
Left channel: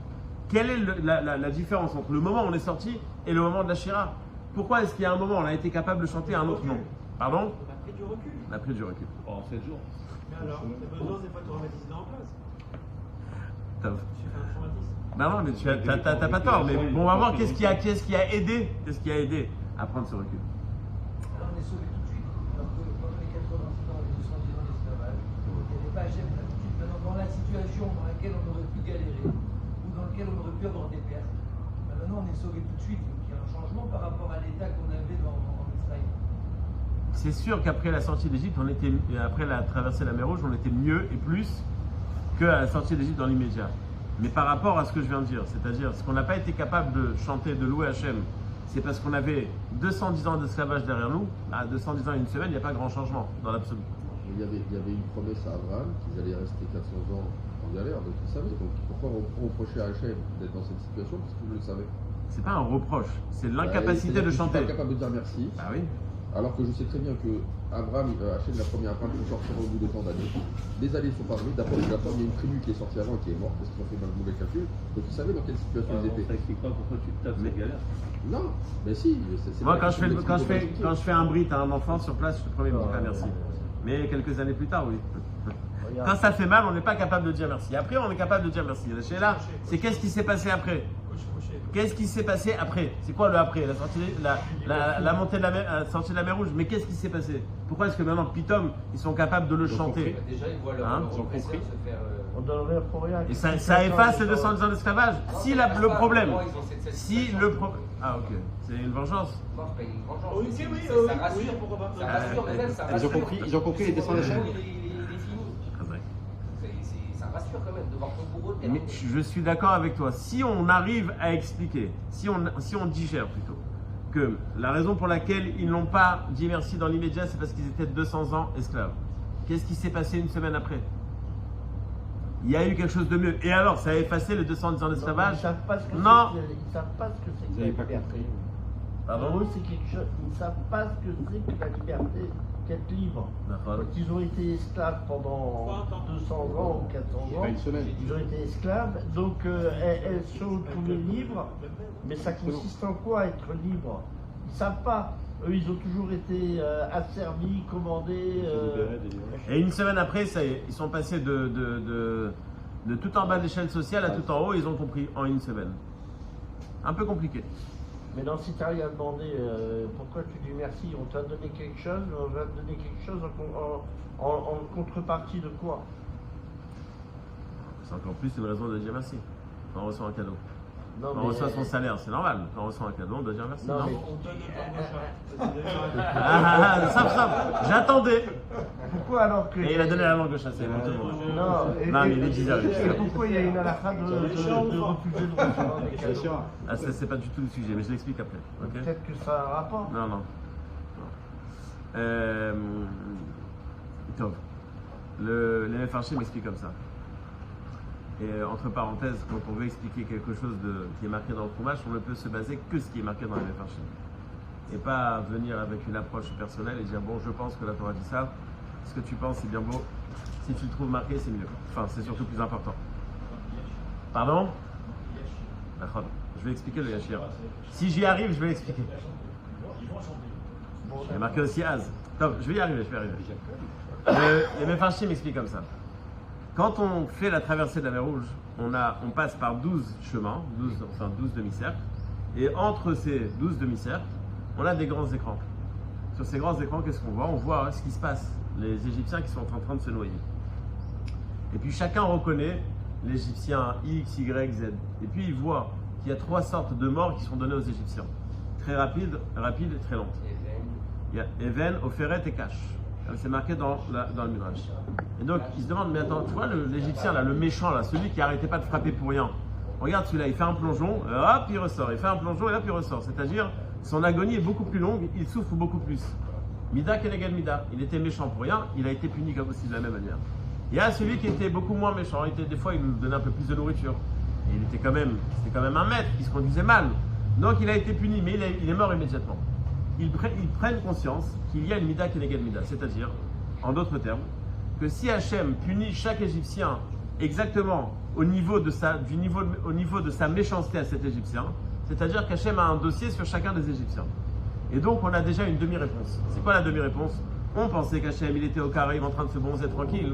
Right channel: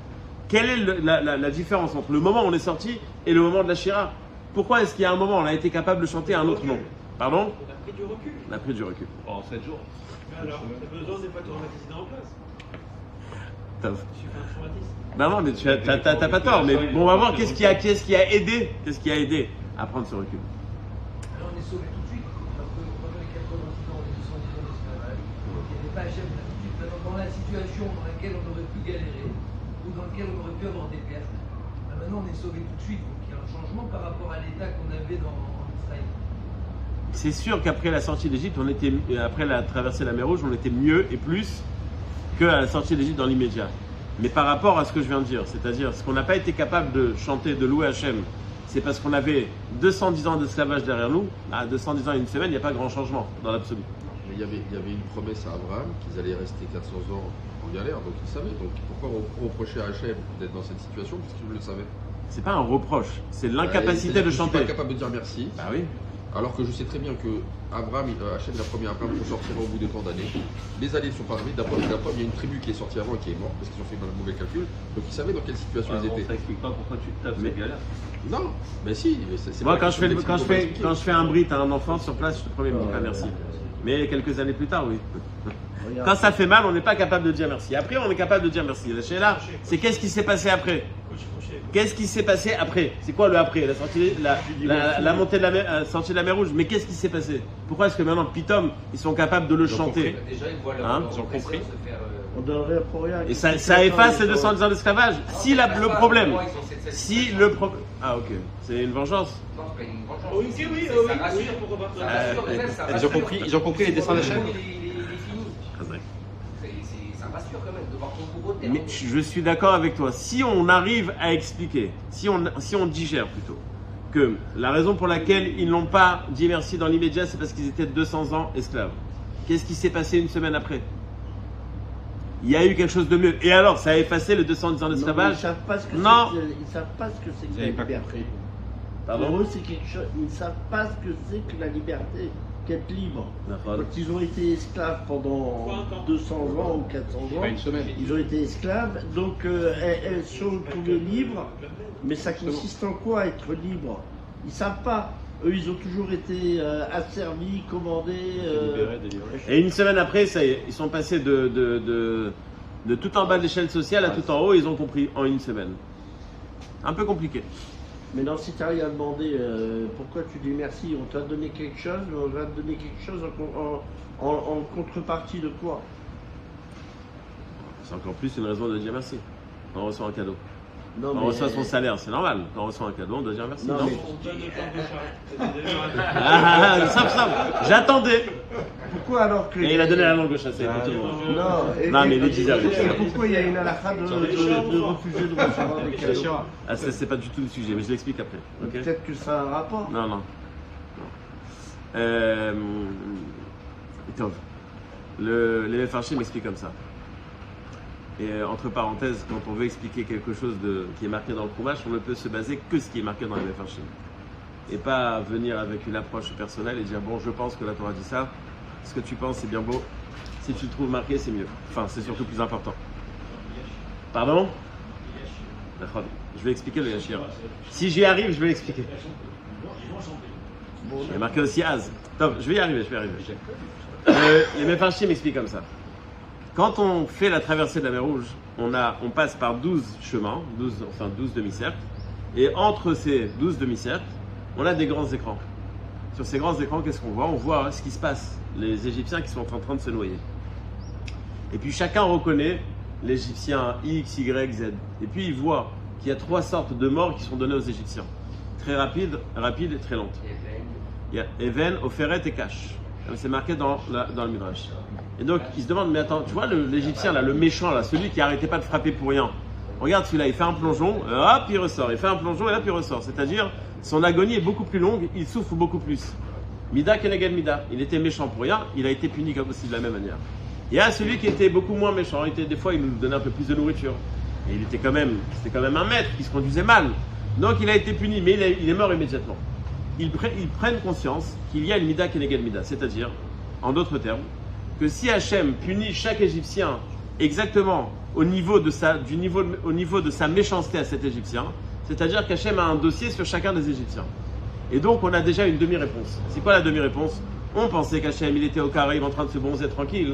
Quelle est la différence entre le moment où on est sorti et le moment de la shira? Pourquoi est-ce qu'il y a un moment où on a été capable de chanter à un autre nom? Pardon? On a pris du recul. On a pris du recul. En 7 jours. Alors, t'as besoin des fois de remettre ici en place. Ben non, mais tu t'as pas tort. Mais bon, on va voir qu'est-ce qui a aidé à prendre ce recul. On est sauvé tout de suite. Pendant les 86 ans, les 210 ans d'esclavage, il n'était pas Hachem tout de suite. Dans la situation dans laquelle on aurait pu galérer, ou dans laquelle on aurait pu avoir des pertes, maintenant on est sauvé tout de suite. Donc il y a un changement par rapport à l'état qu'on avait dans Israël. C'est sûr qu'après la sortie d'Égypte, après la traversée de la mer Rouge, on était mieux et plus qu'à la sortie d'Égypte dans l'immédiat. Mais par rapport à ce que je viens de dire, c'est-à-dire ce qu'on n'a pas été capable de chanter, de louer Hachem, c'est parce qu'on avait 210 ans d'esclavage derrière nous. À 210 ans et une semaine, il n'y a pas grand changement dans l'absolu. Mais il y avait une promesse à Abraham qu'ils allaient rester 400 ans en galère, donc ils savaient. Donc pourquoi on reprochait à Hachem d'être dans cette situation puisqu'ils le savaient? C'est pas un reproche, c'est l'incapacité de chanter. Je suis pas capable de dire merci. Bah oui. Alors que je sais très bien que Abraham, Hachem l'a promis à Abraham pour sortir au bout de tant d'années. Les années sont passées, d'abord il y a une tribu qui est sortie avant et qui est morte parce qu'ils ont fait un mauvais calcul. Donc ils savaient dans quelle situation ils On étaient. t'explique pas pourquoi tu te tapes cette galère. Non, mais si. Mais c'est Moi, pas quand je fais un brit à un enfant sur place, je te promets, il me dit pas merci. Mais quelques années plus tard, oui. Quand ça fait mal, on n'est pas capable de dire merci. Après, on est capable de dire merci. La Sheila, c'est qu'est-ce qui s'est passé après? Qu'est-ce qui s'est passé après? C'est quoi le après? La montée de la mer, sortie de la mer Rouge. Mais qu'est-ce qui s'est passé? Pourquoi est-ce que maintenant, Pitom, ils sont capables de le chanter? Déjà, ils voient Hein? Ils ont compris. On donnerait pour rien. Et ça efface les 210 ans d'esclavage. Si le problème. Ah, ok. C'est une vengeance. Non, c'est pas une vengeance. Oui, oui, pourquoi pas. Ils ont compris les dessins d'Hachem. Mais je suis d'accord avec toi. Si on arrive à expliquer, si on digère plutôt, que la raison pour laquelle ils n'ont pas dit merci dans l'immédiat, c'est parce qu'ils étaient 200 ans esclaves. Qu'est-ce qui s'est passé une semaine après? Il y a eu quelque chose de mieux. Et alors, ça a effacé les 210 ans d'esclavage? Ils ne savent pas ce que Non. Ils savent pas ce que c'est que Vous la avez pas liberté. compris. Pardon? Pour eux, c'est quelque chose. Ils ne savent pas ce que c'est que la liberté, qu'être libre. D'accord. Ils ont été esclaves pendant 200 ans ou 400 ans. Pas une semaine. Ils ont été esclaves, donc elles sont trouvées libres. Mais ça consiste en quoi être libre? Ils ne savent pas. Eux, ils ont toujours été asservis, commandés. Et une semaine après, ça y est, ils sont passés de tout en bas de l'échelle sociale à tout en haut, ils ont compris en une semaine. Un peu compliqué. Mais non, si tu arrives à demander pourquoi tu dis merci, on t'a donné quelque chose, mais on va te donner quelque chose en contrepartie de quoi? C'est encore plus une raison de dire merci. Quand on reçoit un cadeau. Non, Quand on reçoit son salaire, c'est normal. Quand on reçoit un cadeau, on doit dire merci. Non, Non, mais- On donne le temps de chat. simple. J'attendais. Pourquoi alors que. Et il a donné la langue au chasser pour tout le monde. Non, Non, mais il est 10h, il est 10h. Pourquoi il y a une halakha de refuser de recevoir des C'est cadeaux? sûr. Ah, ça, c'est pas du tout le sujet, mais je l'explique après. Ok? Peut-être que ça a un rapport. Non. Tov. Les Mefarshim m'expliquent comme ça. Et entre parenthèses, quand on veut expliquer quelque chose qui est marqué dans le Chumash, on ne peut se baser que ce qui est marqué dans les Mefarshim. Et pas venir avec une approche personnelle et dire bon, je pense que la Torah dit ça, ce que tu penses c'est bien beau, si tu le trouves marqué c'est mieux. Enfin, c'est surtout plus important. Pardon? D'accord. Je vais expliquer le Yashir. Si j'y arrive, je vais l'expliquer. Il y a marqué aussi Az. Top, je vais y arriver. Les Mefarshim m'expliquent comme ça. Quand on fait la traversée de la mer Rouge, on passe par 12 chemins, 12 demi-cercles. Et entre ces 12 demi-cercles, on a des grands écrans. Sur ces grands écrans, qu'est-ce qu'on voit? On voit ce qui se passe. Les Égyptiens qui sont en train de se noyer. Et puis chacun reconnaît l'Égyptien X, Y, Z. Et puis il voit qu'il y a 3 sortes de morts qui sont données aux Égyptiens. Très rapide et très lente. Il y a Even, Oferet et Kash. C'est marqué dans le Midrash. Et donc, il se demande, mais attends, tu vois l'Égyptien, là, le méchant, là, celui qui n'arrêtait pas de frapper pour rien. Regarde celui-là, il fait un plongeon, hop, il ressort. Il fait un plongeon et hop, il ressort. C'est-à-dire, son agonie est beaucoup plus longue, il souffre beaucoup plus. Mida keneged mida. Il était méchant pour rien, il a été puni comme aussi de la même manière. Il y a celui qui était beaucoup moins méchant. Des fois, il nous donnait un peu plus de nourriture. Et c'était quand même un maître qui se conduisait mal. Donc, il a été puni, mais il est mort immédiatement. Ils prennent conscience qu'il y a une mida keneged mida, c'est-à-dire, en d'autres termes, que si Hachem punit chaque Égyptien exactement au niveau de sa méchanceté à cet Égyptien, c'est-à-dire qu'Hachem a un dossier sur chacun des Égyptiens. Et donc on a déjà une demi-réponse. C'est quoi la demi-réponse? On pensait qu'Hachem il était au Caraïbes en train de se bronzer tranquille.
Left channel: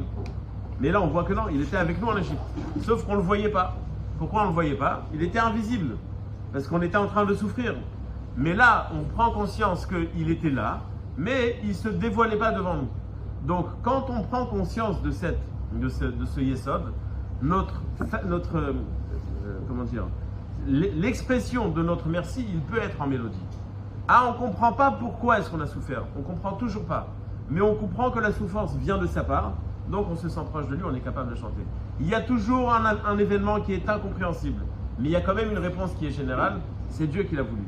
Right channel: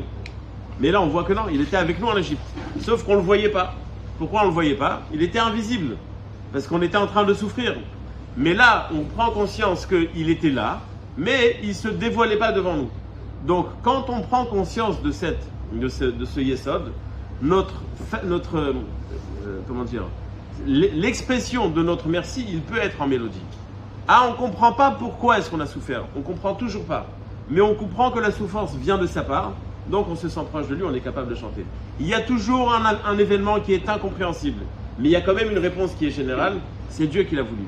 Mais là on voit que non, il était avec nous en Égypte. Sauf qu'on ne le voyait pas. Pourquoi on ne le voyait pas? Il était invisible. Parce qu'on était en train de souffrir. Mais là, on prend conscience qu'il était là, mais il ne se dévoilait pas devant nous. Donc, quand on prend conscience de ce Yesod, l'expression de notre merci, il peut être en mélodie. Ah, on ne comprend pas pourquoi est-ce qu'on a souffert. On ne comprend toujours pas. Mais on comprend que la souffrance vient de sa part, donc on se sent proche de lui, on est capable de chanter. Il y a toujours un événement qui est incompréhensible, mais il y a quand même une réponse qui est générale, c'est Dieu qui l'a voulu.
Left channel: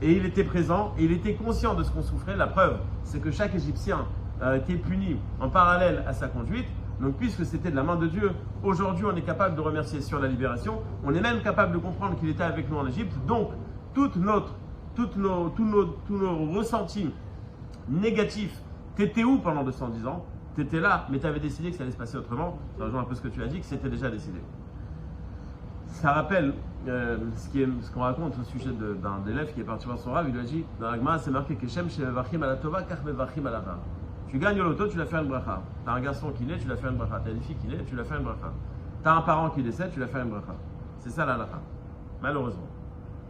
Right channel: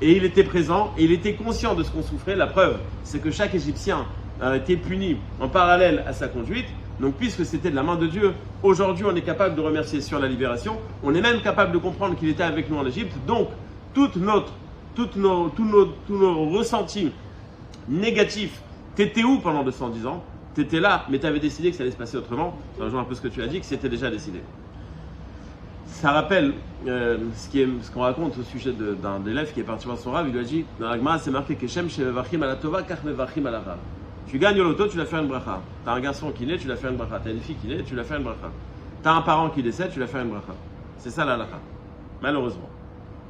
Et il était présent, et il était conscient de ce qu'on souffrait. La preuve, c'est que chaque Égyptien a été puni en parallèle à sa conduite. Donc puisque c'était de la main de Dieu, aujourd'hui on est capable de remercier sur la libération. On est même capable de comprendre qu'il était avec nous en Égypte. Donc tous nos ressentis négatifs, t'étais où pendant 210 ans? T'étais là, mais t'avais décidé que ça allait se passer autrement. Ça rejoint un peu ce que tu as dit, que c'était déjà décidé. Ça rappelle ce qu'on raconte au sujet d'un élève qui est parti voir son rave. Il lui a dit, dans la Gemara c'est marqué Keshem shemevachim ala tova kach mevachim ala ra. Tu gagnes au loto, tu vas faire une bracha. T'as un garçon qui naît, tu vas faire une bracha. T'as une fille qui naît, tu vas faire une bracha. T'as un parent qui décède, tu vas faire une bracha. C'est ça la halakha. Malheureusement.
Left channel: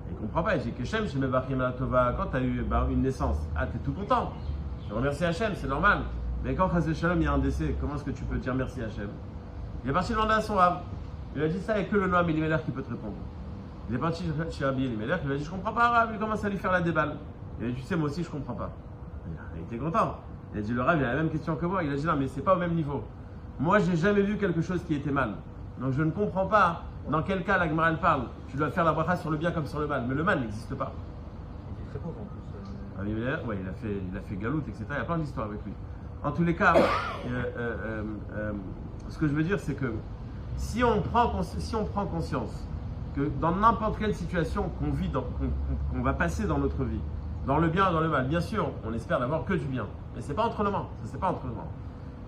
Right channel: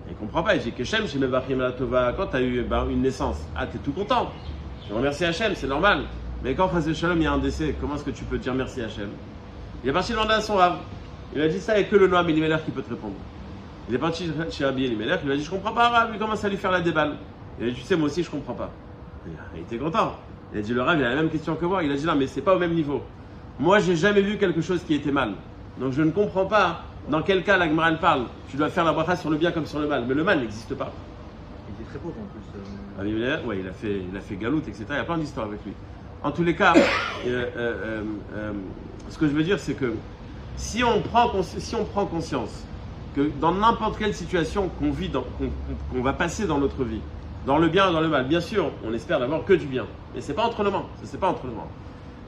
Il ne comprend pas. Il dit Keshem shemevachim ala tova. Quand tu as eu une naissance, t'es tout content. Tu remercies Hachem, c'est normal. Mais quand Chas Shalom il y a un décès, comment est-ce que tu peux dire merci Hachem? Il est parti demander à son rave. Il a dit ça, il n'y a que le Noam Elimelech qui peut te répondre. Il est parti chez Rabbi Elimelech, il a dit je comprends pas Rabbi, il commence à lui faire la déballe. Il a dit, tu sais, moi aussi, je comprends pas. Il était content. Il a dit, le Rav, il a la même question que moi. Il a dit, non, mais c'est pas au même niveau. Moi, j'ai jamais vu quelque chose qui était mal. Donc, je ne comprends pas dans quel cas la Gemara elle parle. Tu dois faire la bracha sur le bien comme sur le mal. Mais le mal n'existe pas. Il était très beau en plus. Ouais, il a fait galoute, etc. Il y a plein d'histoires avec lui. En tous les cas, ce que je veux dire, c'est que si on prend conscience que dans n'importe quelle situation qu'on vit, qu'on va passer dans notre vie, dans le bien ou dans le mal, bien sûr, on espère d'avoir que du bien. Mais c'est pas entre nos mains. C'est pas entre nos mains.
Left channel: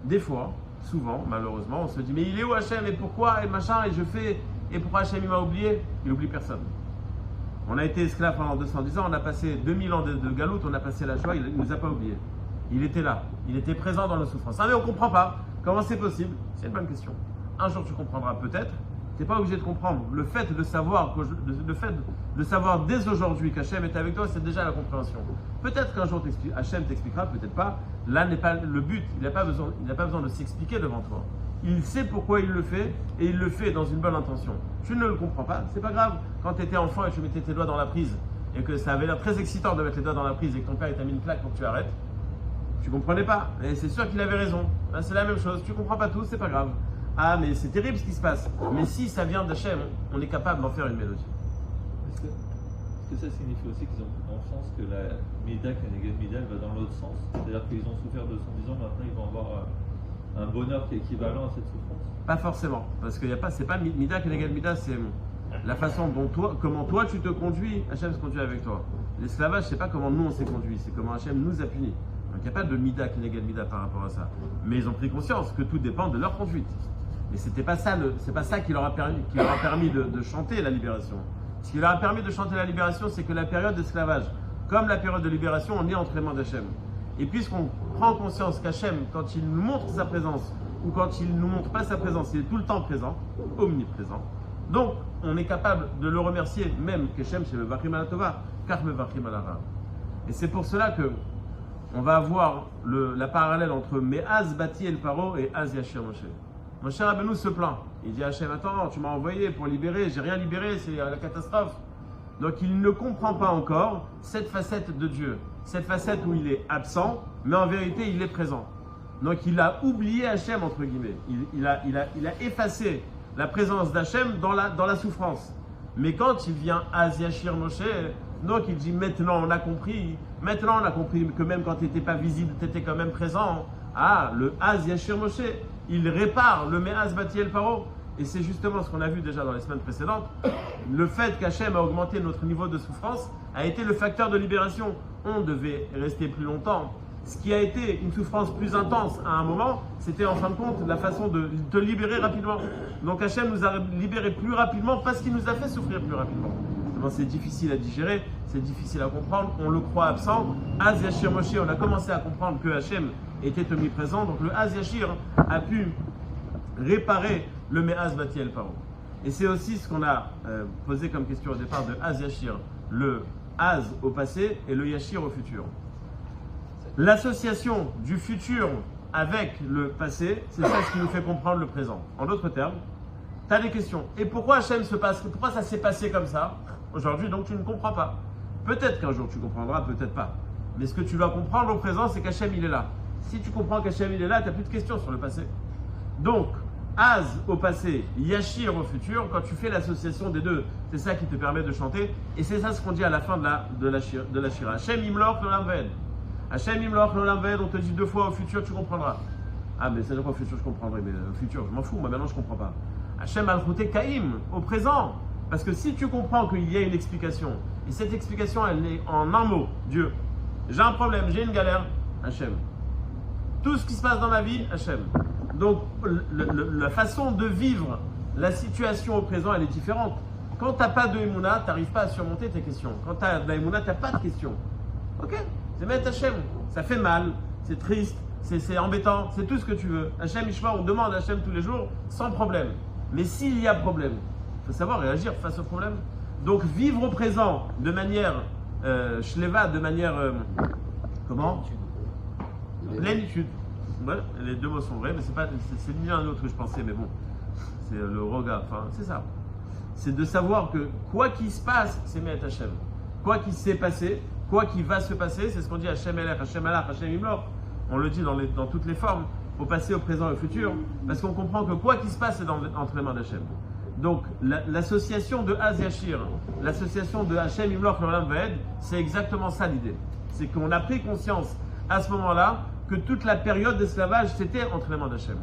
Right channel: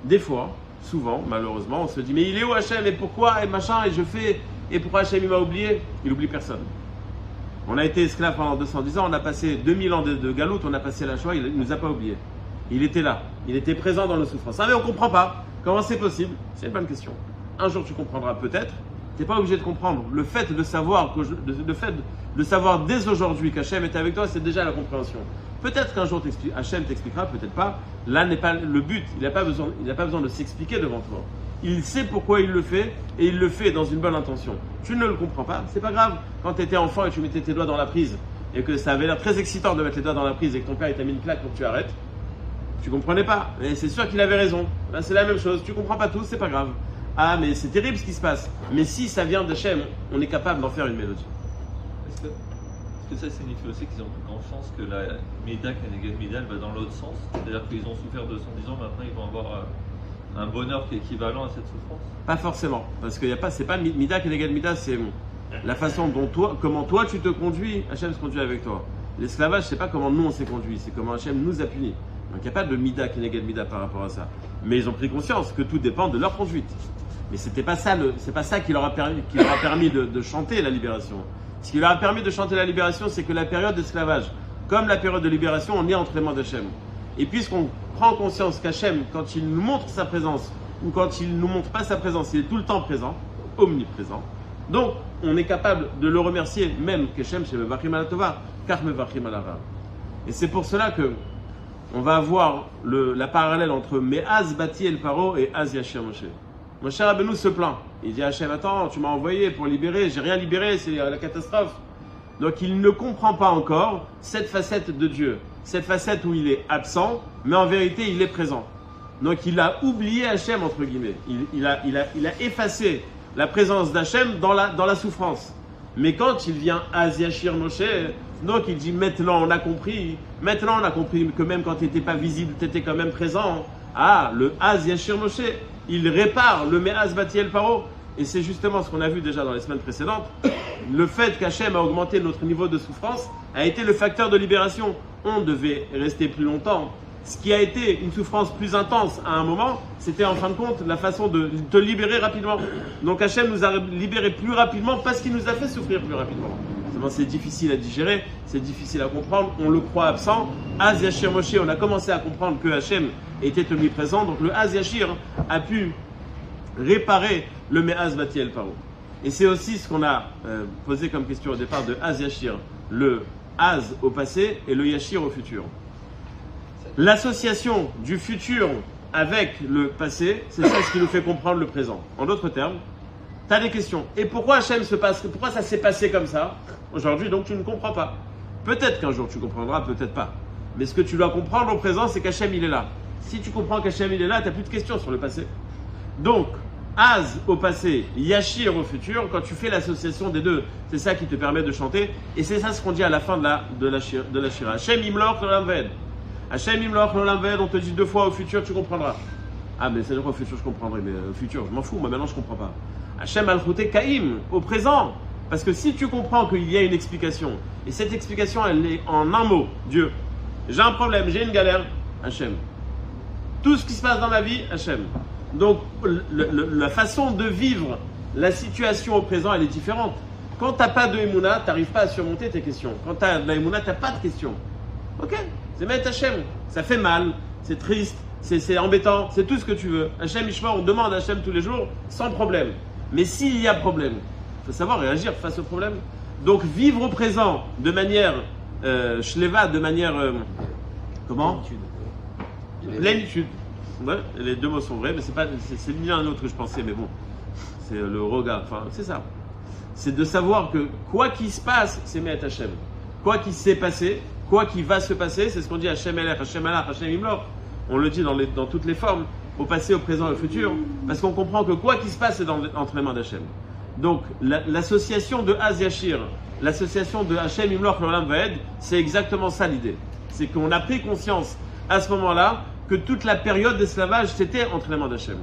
Des fois, souvent, malheureusement, on se dit, mais il est où Hachem et pourquoi et machin et je fais et pourquoi Hachem il m'a oublié? Il oublie personne. On a été esclaves pendant 210 ans, on a passé 2000 ans de galoute, on a passé la Shoah, il ne nous a pas oubliés. Il était là, il était présent dans nos souffrances. Ah mais on ne comprend pas. Comment c'est possible? C'est une bonne question. Un jour tu comprendras peut-être, tu n'es pas obligé de comprendre. Le fait de savoir, de savoir dès aujourd'hui qu'Hachem est avec toi, c'est déjà la compréhension. Peut-être qu'un jour Hachem t'expliquera, peut-être pas. Là n'est pas le but, il n'a pas besoin de s'expliquer devant toi. Il sait pourquoi il le fait et il le fait dans une bonne intention. Tu ne le comprends pas, c'est pas grave. Quand tu étais enfant et tu mettais tes doigts dans la prise et que ça avait l'air très excitant de mettre les doigts dans la prise et que ton père t'a mis une claque pour que tu arrêtes, tu comprenais pas. Et c'est sûr qu'il avait raison. Là c'est la même chose. Tu comprends pas tout, c'est pas grave. Ah mais c'est terrible ce qui se passe. Mais si ça vient d'Hachem, on est capable d'en faire une mélodie. Est-ce que ça signifie aussi qu'ils ont pris conscience que la Méda Kenegat Méda va dans l'autre sens? C'est-à-dire qu'ils ont souffert 210 ans, maintenant ils vont avoir un bonheur qui est équivalent à cette souffrance? Pas forcément, parce que c'est pas Mida Kenegat Mida, c'est la façon dont comment toi tu te conduis, Hachem se conduit avec toi. L'esclavage, c'est pas comment nous on s'est conduit, c'est comment Hachem nous a punis. Donc il n'y a pas de Mida Kenegat Mida par rapport à ça. Mais ils ont pris conscience que tout dépend de leur conduite. Mais c'est pas ça qui leur a permis de chanter la libération. Ce qui leur a permis de chanter la libération, c'est que la période d'esclavage, comme la période de libération, on est entre les mains d'Hachem. Et puisqu'on prend conscience qu'Hachem, quand il nous montre sa présence, ou quand il ne nous montre pas sa présence, il est tout le temps présent, omniprésent. Donc, on est capable de le remercier, même qu'Hachem, chez Mevachim ala Tova, car Mevachim ala Ra. Et c'est pour cela que on va avoir la parallèle entre Me'az Bati El Paro et Az Yashir Moshe. Moshe Rabbeinu se plaint. Il dit à Hachem, attends, tu m'as envoyé pour libérer, j'ai rien libéré, c'est la catastrophe. Donc il ne comprend pas encore cette facette de Dieu, cette facette où il est absent, mais en vérité il est présent. Donc il a oublié Hachem, entre guillemets. Il a effacé la présence d'Hachem dans la souffrance. Mais quand il vient à Yashir Moshe, donc il dit maintenant on a compris que même quand tu n'étais pas visible, tu étais quand même présent. Ah, le Az Yashir Moshe, il répare le Me'az Bati El Paro. Et c'est justement ce qu'on a vu déjà dans les semaines précédentes. Le fait qu'Hachem a augmenté notre niveau de souffrance a été le facteur de libération. On devait rester plus longtemps. Ce qui a été une souffrance plus intense à un moment, c'était en fin de compte la façon de te libérer rapidement. Donc Hachem nous a libérés plus rapidement parce qu'il nous a fait souffrir plus rapidement. C'est difficile à digérer, c'est difficile à comprendre, on le croit absent. Az Yashir Moshe, on a commencé à comprendre que Hachem était omniprésent, donc le Az Yashir a pu réparer le Me'az Bati El Paro. Et c'est aussi ce qu'on a posé comme question au départ de Az Yashir, le Az au passé et le Yashir au futur. L'association du futur avec le passé, c'est ça ce qui nous fait comprendre le présent. En d'autres termes, tu as des questions. Et pourquoi pourquoi ça s'est passé comme ça aujourd'hui? Donc tu ne comprends pas. Peut-être qu'un jour tu comprendras, peut-être pas. Mais ce que tu dois comprendre au présent, c'est qu'Hachem il est là. Si tu comprends qu'Hachem il est là, tu n'as plus de questions sur le passé. Donc, Az au passé, Yashir au futur, quand tu fais l'association des deux, c'est ça qui te permet de chanter. Et c'est ça ce qu'on dit à la fin de la Shira. Hachem Imloch L'Olam Vaed. Hachem Imloch L'Olam Vaed, on te dit 2 fois au futur, tu comprendras. Ah, mais c'est au futur, je comprendrai, mais au futur, je m'en fous, moi maintenant je comprends pas. Hachem Al-Khouté Kaim, au présent. Parce que si tu comprends qu'il y a une explication, et cette explication, elle est en un mot, Dieu. J'ai un problème, j'ai une galère, Hachem. Tout ce qui se passe dans ma vie, Hachem. Donc, la façon de vivre la situation au présent, elle est différente. Quand tu n'as pas de Emouna, tu n'arrives pas à surmonter tes questions. Quand tu as de la Emouna, tu n'as pas de questions. Ok, c'est Met Hachem. Ça fait mal, c'est triste, c'est embêtant, c'est tout ce que tu veux. Hachem Ishma, on demande à Hachem tous les jours, sans problème. Mais s'il y a problème, il faut savoir réagir face au problème. Donc, vivre au présent de manière shleva, de manière. Comment ? Plénitude. Ouais, les deux mots sont vrais, mais c'est l'un autre que je pensais, mais bon, c'est le regard, enfin, c'est ça. C'est de savoir que quoi qu'il se passe, c'est Me'at Hachem. Quoi qu'il s'est passé, quoi qu'il va se passer, c'est ce qu'on dit Hashem Elech, Hashem Alach, Hashem Imloch. On le dit dans toutes les formes, au passé, au présent et au futur, parce qu'on comprend que quoi qu'il se passe, c'est entre les mains d'Hachem. Donc, l'association de Az Yashir, l'association de Hashem Imloch L'Olam Vaed, c'est exactement ça l'idée. C'est qu'on a pris conscience à ce moment-là que toute la période d'esclavage, c'était entre les mains d'Hachem.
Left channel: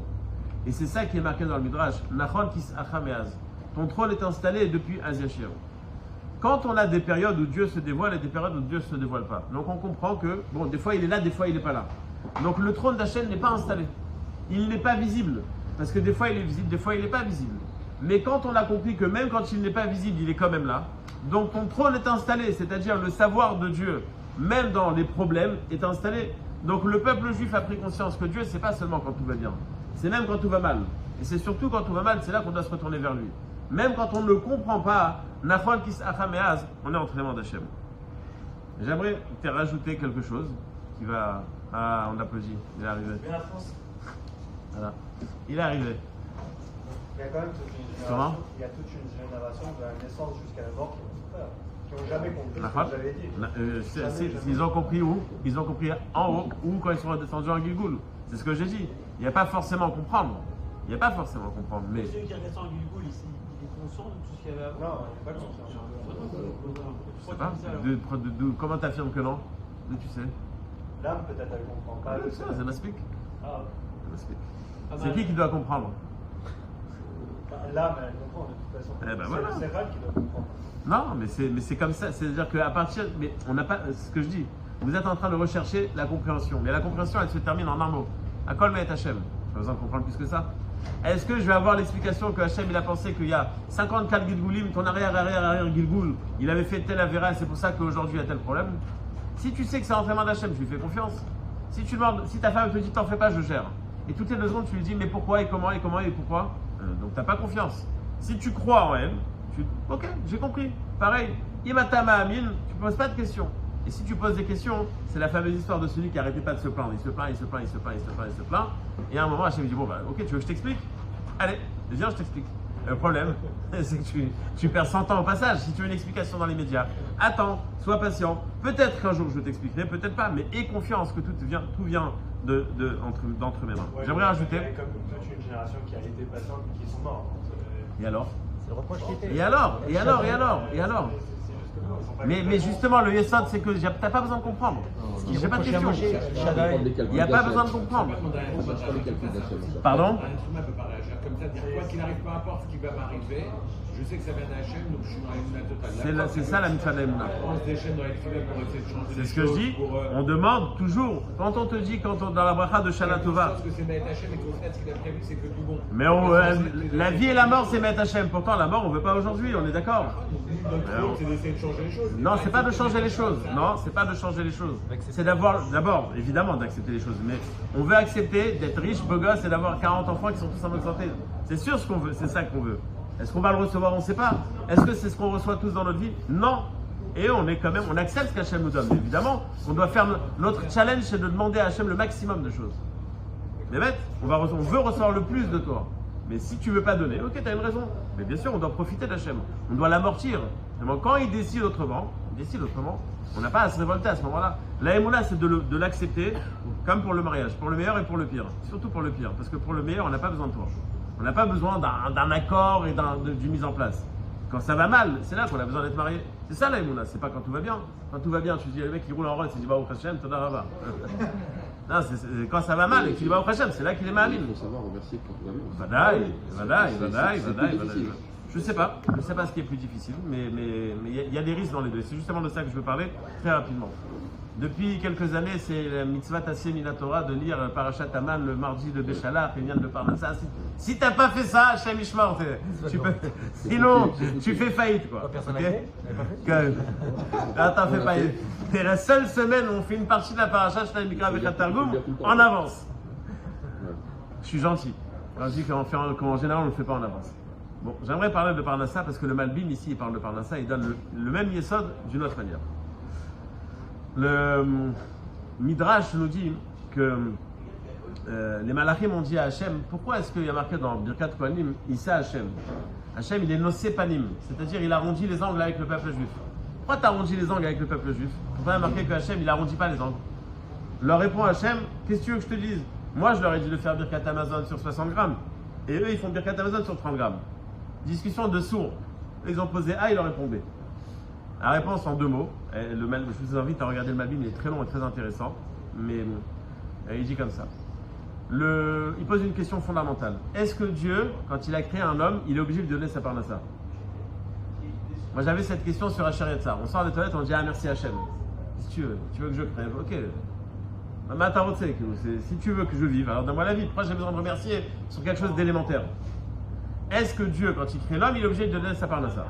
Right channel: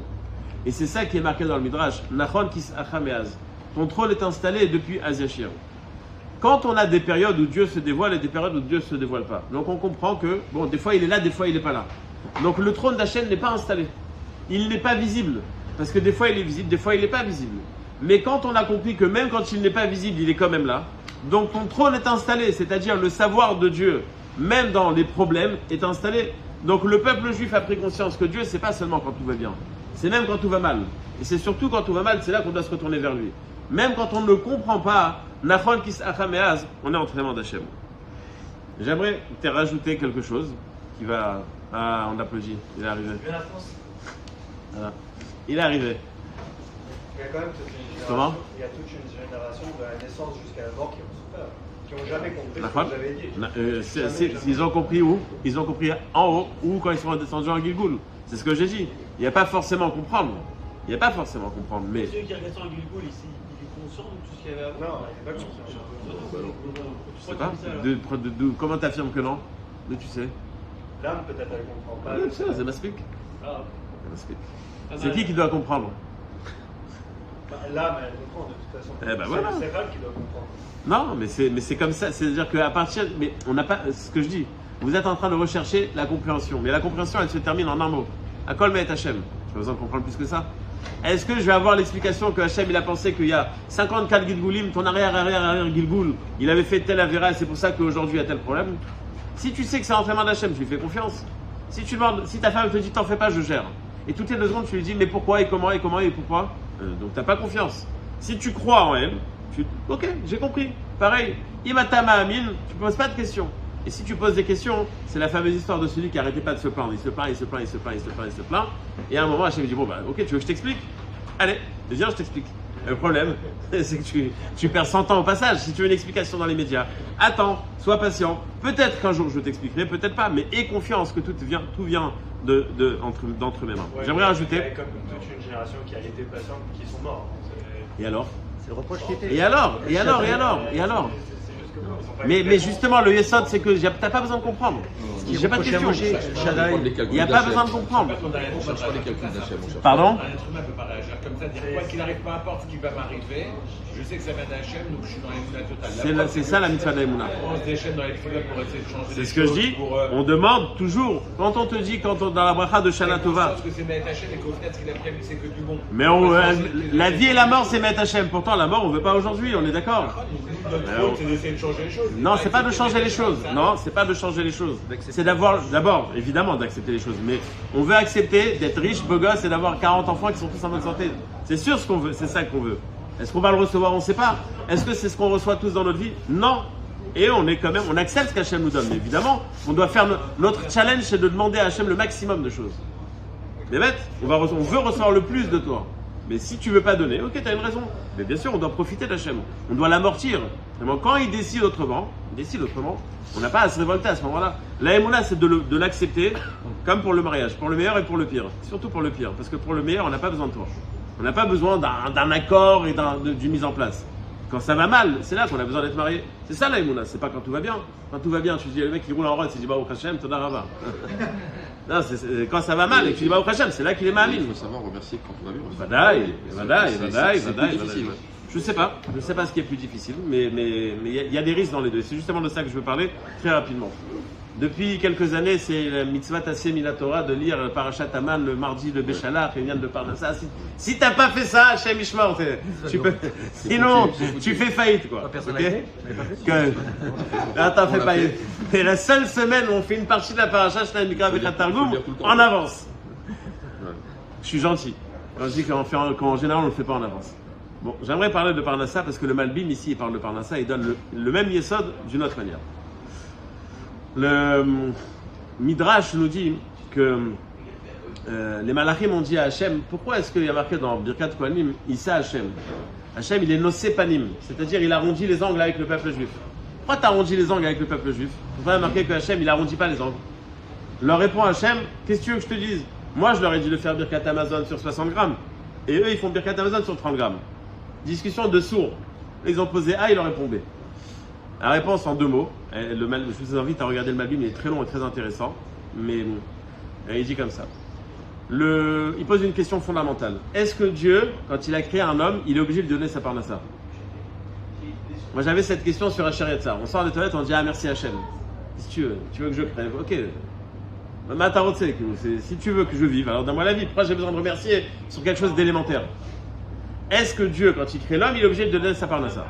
Et c'est ça qui est marqué dans le Midrash. Nachon kis acham eaz. Ton trône est installé depuis Az Yashir. Quand on a des périodes où Dieu se dévoile et des périodes où Dieu ne se dévoile pas. Donc on comprend que, bon, des fois il est là, des fois il n'est pas là. Donc le trône d'Hachem n'est pas installé. Il n'est pas visible. Parce que des fois il est visible, des fois il n'est pas visible. Mais quand on a compris que même quand il n'est pas visible, il est quand même là. Donc ton trône est installé, c'est-à-dire le savoir de Dieu, même dans les problèmes, est installé. Donc le peuple juif a pris conscience que Dieu, c'est pas seulement quand tout va bien. C'est même quand tout va mal. Et c'est surtout quand tout va mal, c'est là qu'on doit se retourner vers lui. Même quand on ne le comprend pas, Nachon kis acham eaz, on est entre les mains d'Hachem. J'aimerais te rajouter quelque chose qui va... Ah, on applaudit, il est arrivé. Voilà. Il est arrivé. Il y a quand même toute une génération, Comment? il y a toute une génération de la naissance jusqu'à la mort qui ont souffert, qui n'ont jamais compris Nachon? ce que vous avez dit. Ils ont compris où? Ils ont compris en haut ou quand ils sont descendus en Gilgoul. C'est ce que j'ai dit. Il n'y a pas forcément à comprendre. Il n'y a pas forcément à comprendre. Mais Celui qui a descendu en Gilgoul, il est conscient de tout ce qu'il y avait avant. Non, il n'y a pas conscience. je sais pas. Comment t'affirmes que non? Mais tu sais. L'âme, peut-être, elle ne comprend pas. C'est m'explique. Ah, C'est qui doit comprendre? L'âme, elle comprend de toute façon. Eh ben voilà. C'est elle qui doit comprendre. Non, mais c'est comme ça. C'est-à-dire qu'à partir... Mais on n'a pas... Ce que je dis, vous êtes en train de rechercher la compréhension. Mais la compréhension, elle se termine en un mot. Akol me'et Hashem. J'ai pas besoin de comprendre plus que ça. Est-ce que je vais avoir l'explication que Hashem, il a pensé qu'il y a 54 Gilgoulim, ton arrière Gilgoul, il avait fait tel avéra et c'est pour ça qu'aujourd'hui il y a tel problème? Si tu sais que c'est entre les mains d'Hachem, tu lui fais confiance. Si tu demandes, si ta femme te dit t'en fais pas, je gère. Et toutes les 2 secondes, tu lui dis mais pourquoi et comment et comment et pourquoi? Donc t'as pas confiance. Si tu crois en elle, ok, j'ai compris. Pareil, Imatama Amin, tu poses pas de questions. Et si tu poses des questions, c'est la fameuse histoire de celui qui arrêtait pas de se plaindre. Il se plaint, il se plaint, il se plaint, il se plaint, il se plaint. Et à un moment, Hachem dit bon bah ok, tu veux que je t'explique? Allez, viens, je t'explique. Le problème, c'est que tu perds 100 ans au passage. Si tu veux une explication dans les médias, attends, sois patient. Peut-être qu'un jour je t'expliquerai, peut-être pas, mais aie confiance que tout vient d'entre mes mains. Ouais, J'aimerais rajouter. Il y a comme toute une génération qui a été patiente, qui sont morts. Et alors? C'est le reproche qui était. Et alors? C'est juste que bon, ils sont pas Mais justement, le Yesod, c'est que t'as pas besoin de comprendre. J'ai pas de question. Il n'y a pas besoin de comprendre. Pardon? Un être humain peut pas réagir comme ça, dire quoi qu'il arrive, peu importe ce qui va m'arriver, je sais que ça vient d'Hachem, donc je suis dans les moulins totales. C'est ça la mitzvah d'Aïmouna. On se déchaîne dans les films pour essayer de changer C'est les ce que je choses, dis. pour, On demande toujours, quand on te dit, dans la bracha de Shana Tova, parce que c'est Met Hachem et qu'au final, ce qu'il a prévu, c'est que du bon. mais la vie et la mort, c'est Met Hachem. Pourtant, la mort, on ne veut pas aujourd'hui, on est d'accord. C'est d'essayer de changer les choses. Non, c'est pas de changer les choses. Non, c'est pas de changer les choses. C'est d'abord, évidemment, d'accepter les choses. Mais on veut accepter d'être riche, beau gosse et d'avoir 40 enfants qui sont tous en bonne santé. C'est sûr ce qu'on veut, c'est ça qu'on veut. Est-ce qu'on va le recevoir? On ne sait pas. Est-ce que c'est ce qu'on reçoit tous dans notre vie? Non. Et on accepte ce qu'Hachem nous donne. Évidemment, on doit faire notre challenge, c'est de demander à Hachem le maximum de choses. Mais bête, on veut recevoir le plus de toi. Mais si tu veux pas donner, ok, tu as une raison. Mais bien sûr, on doit profiter d'Hachem. On doit l'amortir. Quand il décide autrement, on n'a pas à se révolter à ce moment-là. La Emouna, c'est de l'accepter, comme pour le mariage, pour le meilleur et pour le pire. Surtout pour le pire, parce que pour le meilleur, on n'a pas besoin de toi. On n'a pas besoin d'un accord et d'une mise en place. Quand ça va mal, c'est là qu'on a besoin d'être marié. C'est ça la Emouna, c'est pas quand tout va bien. Quand tout va bien, tu dis, le mec il roule en rôle, il dit, bah au Hachem, Toda Rava. Non, quand ça va mal et que tu dis, bah au Hachem, c'est là qu'il est Ma'amin. Il faut savoir remercier quand on a vu. Vadaï. Je sais pas ce qui est plus difficile, mais il y a des risques dans les deux. C'est justement de ça que je veux parler très rapidement. Depuis quelques années, c'est la mitzvah tassé mina Torah de lire Parashat Aman le mardi de Béchalach et Yann de Parnassa. Si t'as pas fait ça, Hachem Ishmor, sinon tu fais faillite quoi. Ok? Attends, fais pas. C'est la seule semaine où on fait une partie de la Parashat Shnai Mikra Bechat Targum en avance. Je suis gentil. Quand je dis qu'en général on ne le fait pas en avance. Bon, j'aimerais parler de Parnassa parce que le Malbim ici il parle de Parnassa, il donne le même Yesod d'une autre manière. Le Midrash nous dit que les Malachim ont dit à Hachem, pourquoi est-ce qu'il y a marqué dans Birkat Kohanim, Issa Hachem? Hachem il est Nosé Panim, c'est-à-dire il arrondit les angles avec le peuple juif. pourquoi tu arrondis les angles avec le peuple juif? Il faudrait remarquer que Hachem, il n'arrondit pas les angles. Il leur répond Hachem, qu'est-ce que tu veux que je te dise? Moi, je leur ai dit de faire Birkat Amazon sur 60 grammes. Et eux, ils font Birkat Amazon sur 30 grammes. Discussion de sourds. Ils ont posé A, il leur répond B. La réponse en 2 mots. Je vous invite à regarder le Malbim, il est très long et très intéressant. Mais il dit comme ça. Il pose une question fondamentale. Est-ce que Dieu, quand il a créé un homme, il est obligé de lui donner sa parnassa? Moi, j'avais cette question sur Asher Yatzar. On sort des toilettes, on dit merci Hachem. Si tu veux que je crève, ok. Si tu veux que je vive, alors donne-moi la vie. Pourquoi j'ai besoin de remercier sur quelque chose d'élémentaire? Est-ce que Dieu, quand il crée l'homme, il est obligé de donner sa parnassa?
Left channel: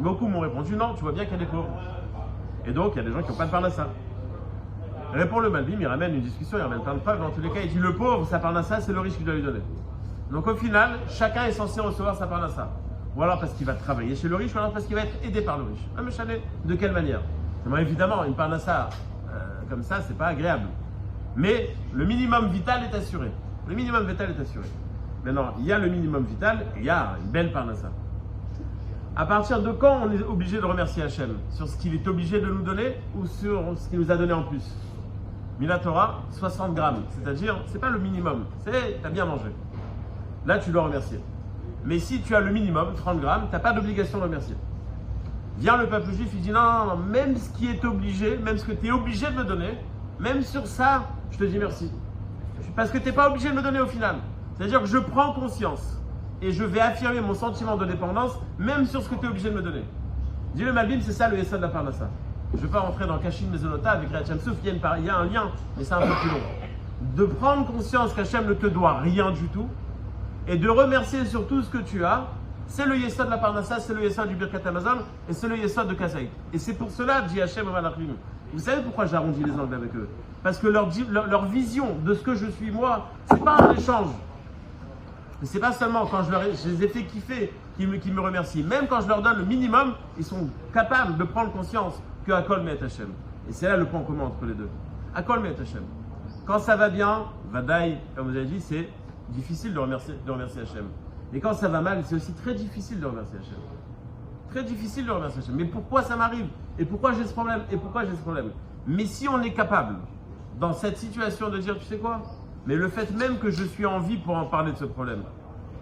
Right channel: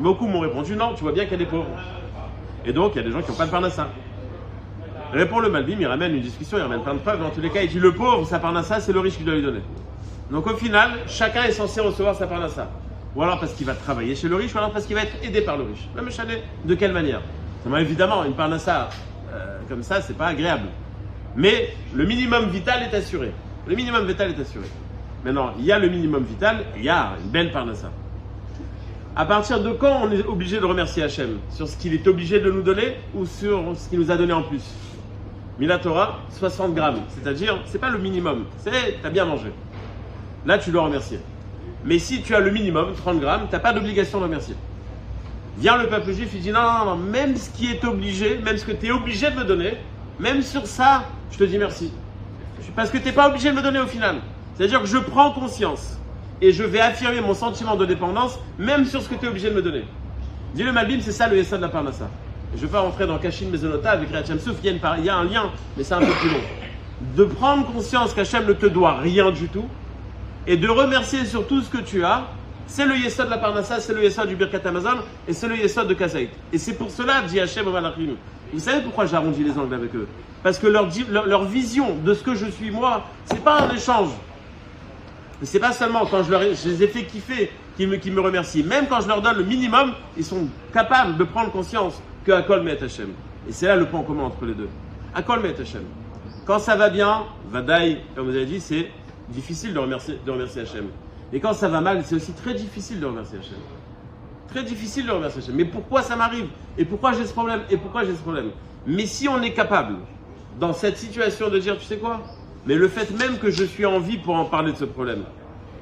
Beaucoup m'ont répondu non, tu vois bien qu'il y a des pauvres. Et donc, il y a des gens qui n'ont pas de parnassa. Répond le Malbim, il ramène une discussion, il ramène plein de preuves. Dans tous les cas, il dit le pauvre, sa parnassa, c'est le riche qui doit lui donner. Donc au final, chacun est censé recevoir sa parnassa. Ou alors parce qu'il va travailler chez le riche, ou alors parce qu'il va être aidé par le riche. Même chalet, de quelle manière? Évidemment, une parnassa comme ça, c'est pas agréable. Mais le minimum vital est assuré. Le minimum vital est assuré. Maintenant, il y a le minimum vital, et il y a une belle parnassa. À partir de quand on est obligé de remercier Hachem? Sur ce qu'il est obligé de nous donner ou sur ce qu'il nous a donné en plus? Mila Torah, 60 grammes. C'est-à-dire, c'est pas le minimum. C'est, t'as bien mangé. Là, tu dois remercier. Mais si tu as le minimum, 30 grammes, t'as pas d'obligation de remercier. Vient le peuple juif, il dit non, même ce qui est obligé, même ce que tu es obligé de me donner, même sur ça, je te dis merci. Parce que tu n'es pas obligé de me donner au final. C'est-à-dire que je prends conscience et je vais affirmer mon sentiment de dépendance, même sur ce que tu es obligé de me donner. Dis le Malbim, c'est ça le Yesod de la Parnassa. Je ne vais pas rentrer dans Kashin Mezonota avec Rachem Souf, il y a un lien, mais c'est un peu plus long. De prendre conscience qu'Hachem ne te doit rien du tout et de remercier sur tout ce que tu as. C'est le Yesod de la Parnassa, c'est le Yesod du Birkat Amazon et c'est le Yesod de Kazaït. Et c'est pour cela, dit Hachem au Malachim. Vous savez pourquoi j'arrondis les angles avec eux? Parce que leur vision de ce que je suis moi, c'est pas un échange. C'est pas seulement quand je les ai fait kiffer qu'ils me remercient. Même quand je leur donne le minimum, ils sont capables de prendre conscience que Akol Met Hachem. Et c'est là le point commun entre les deux. Akol Met Hachem. Quand ça va bien, Vadaï, comme vous avez dit, c'est difficile de remercier Hachem. Et quand ça va mal, c'est aussi très difficile de remercier Hachem. Très difficile de remercier Hachem. Mais pourquoi ça m'arrive? Et pourquoi j'ai ce problème? Et pourquoi j'ai ce problème? Mais si on est capable, dans cette situation, de dire, tu sais quoi? Mais le fait même que je suis en vie pour en parler de ce problème,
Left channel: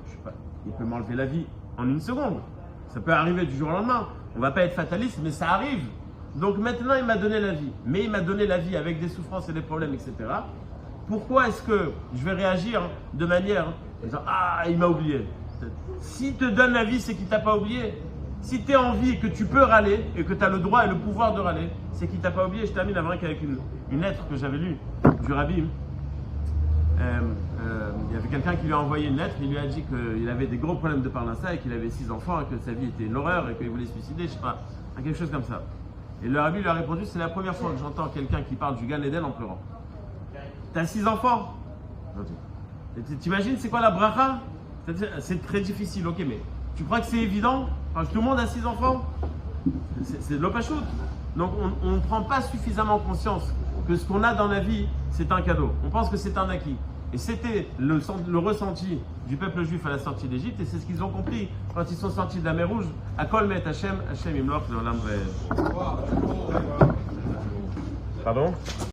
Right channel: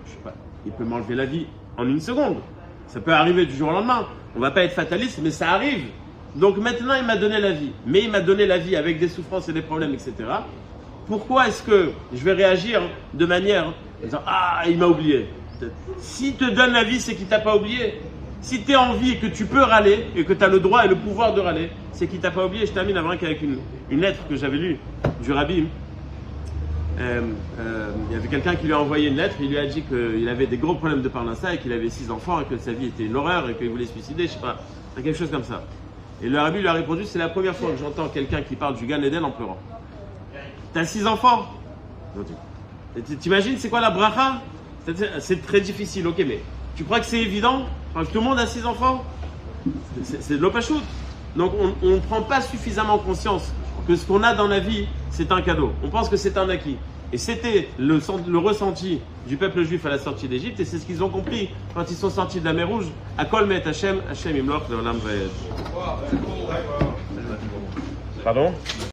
je sais pas, il peut m'enlever la vie en 1 seconde. Ça peut arriver du jour au lendemain. On ne va pas être fataliste, mais ça arrive. Donc maintenant, il m'a donné la vie. Mais il m'a donné la vie avec des souffrances et des problèmes, etc. Pourquoi est-ce que je vais réagir de manière en disant ah, il m'a oublié? S'il te donne la vie, c'est qu'il t'a pas oublié. Si tu es en vie et que tu peux râler et que tu as le droit et le pouvoir de râler, c'est qu'il t'a pas oublié. Je termine avec une lettre que j'avais lue du Rabbi. Il y avait quelqu'un qui lui a envoyé une lettre. Il lui a dit qu'il avait des gros problèmes de Parnassa et qu'il avait 6 enfants et que sa vie était une horreur et qu'il voulait se suicider. Je sais pas, quelque chose comme ça. Et le Rabbi lui a répondu, c'est la première fois que j'entends quelqu'un qui parle du Gan Eden en pleurant. T'as 6 enfants? T'imagines c'est quoi la bracha? C'est très difficile, ok, mais tu crois que c'est évident? Tout le monde a 6 enfants? C'est de l'opachut. Donc on ne prend pas suffisamment conscience que ce qu'on a dans la vie, c'est un cadeau. On pense que c'est un acquis. Et c'était le ressenti du peuple juif à la sortie d'Égypte, et c'est ce qu'ils ont compris quand ils sont sortis de la mer Rouge. Akol Met Hachem, Hachem Imloch Leolam Vaed. Pardon?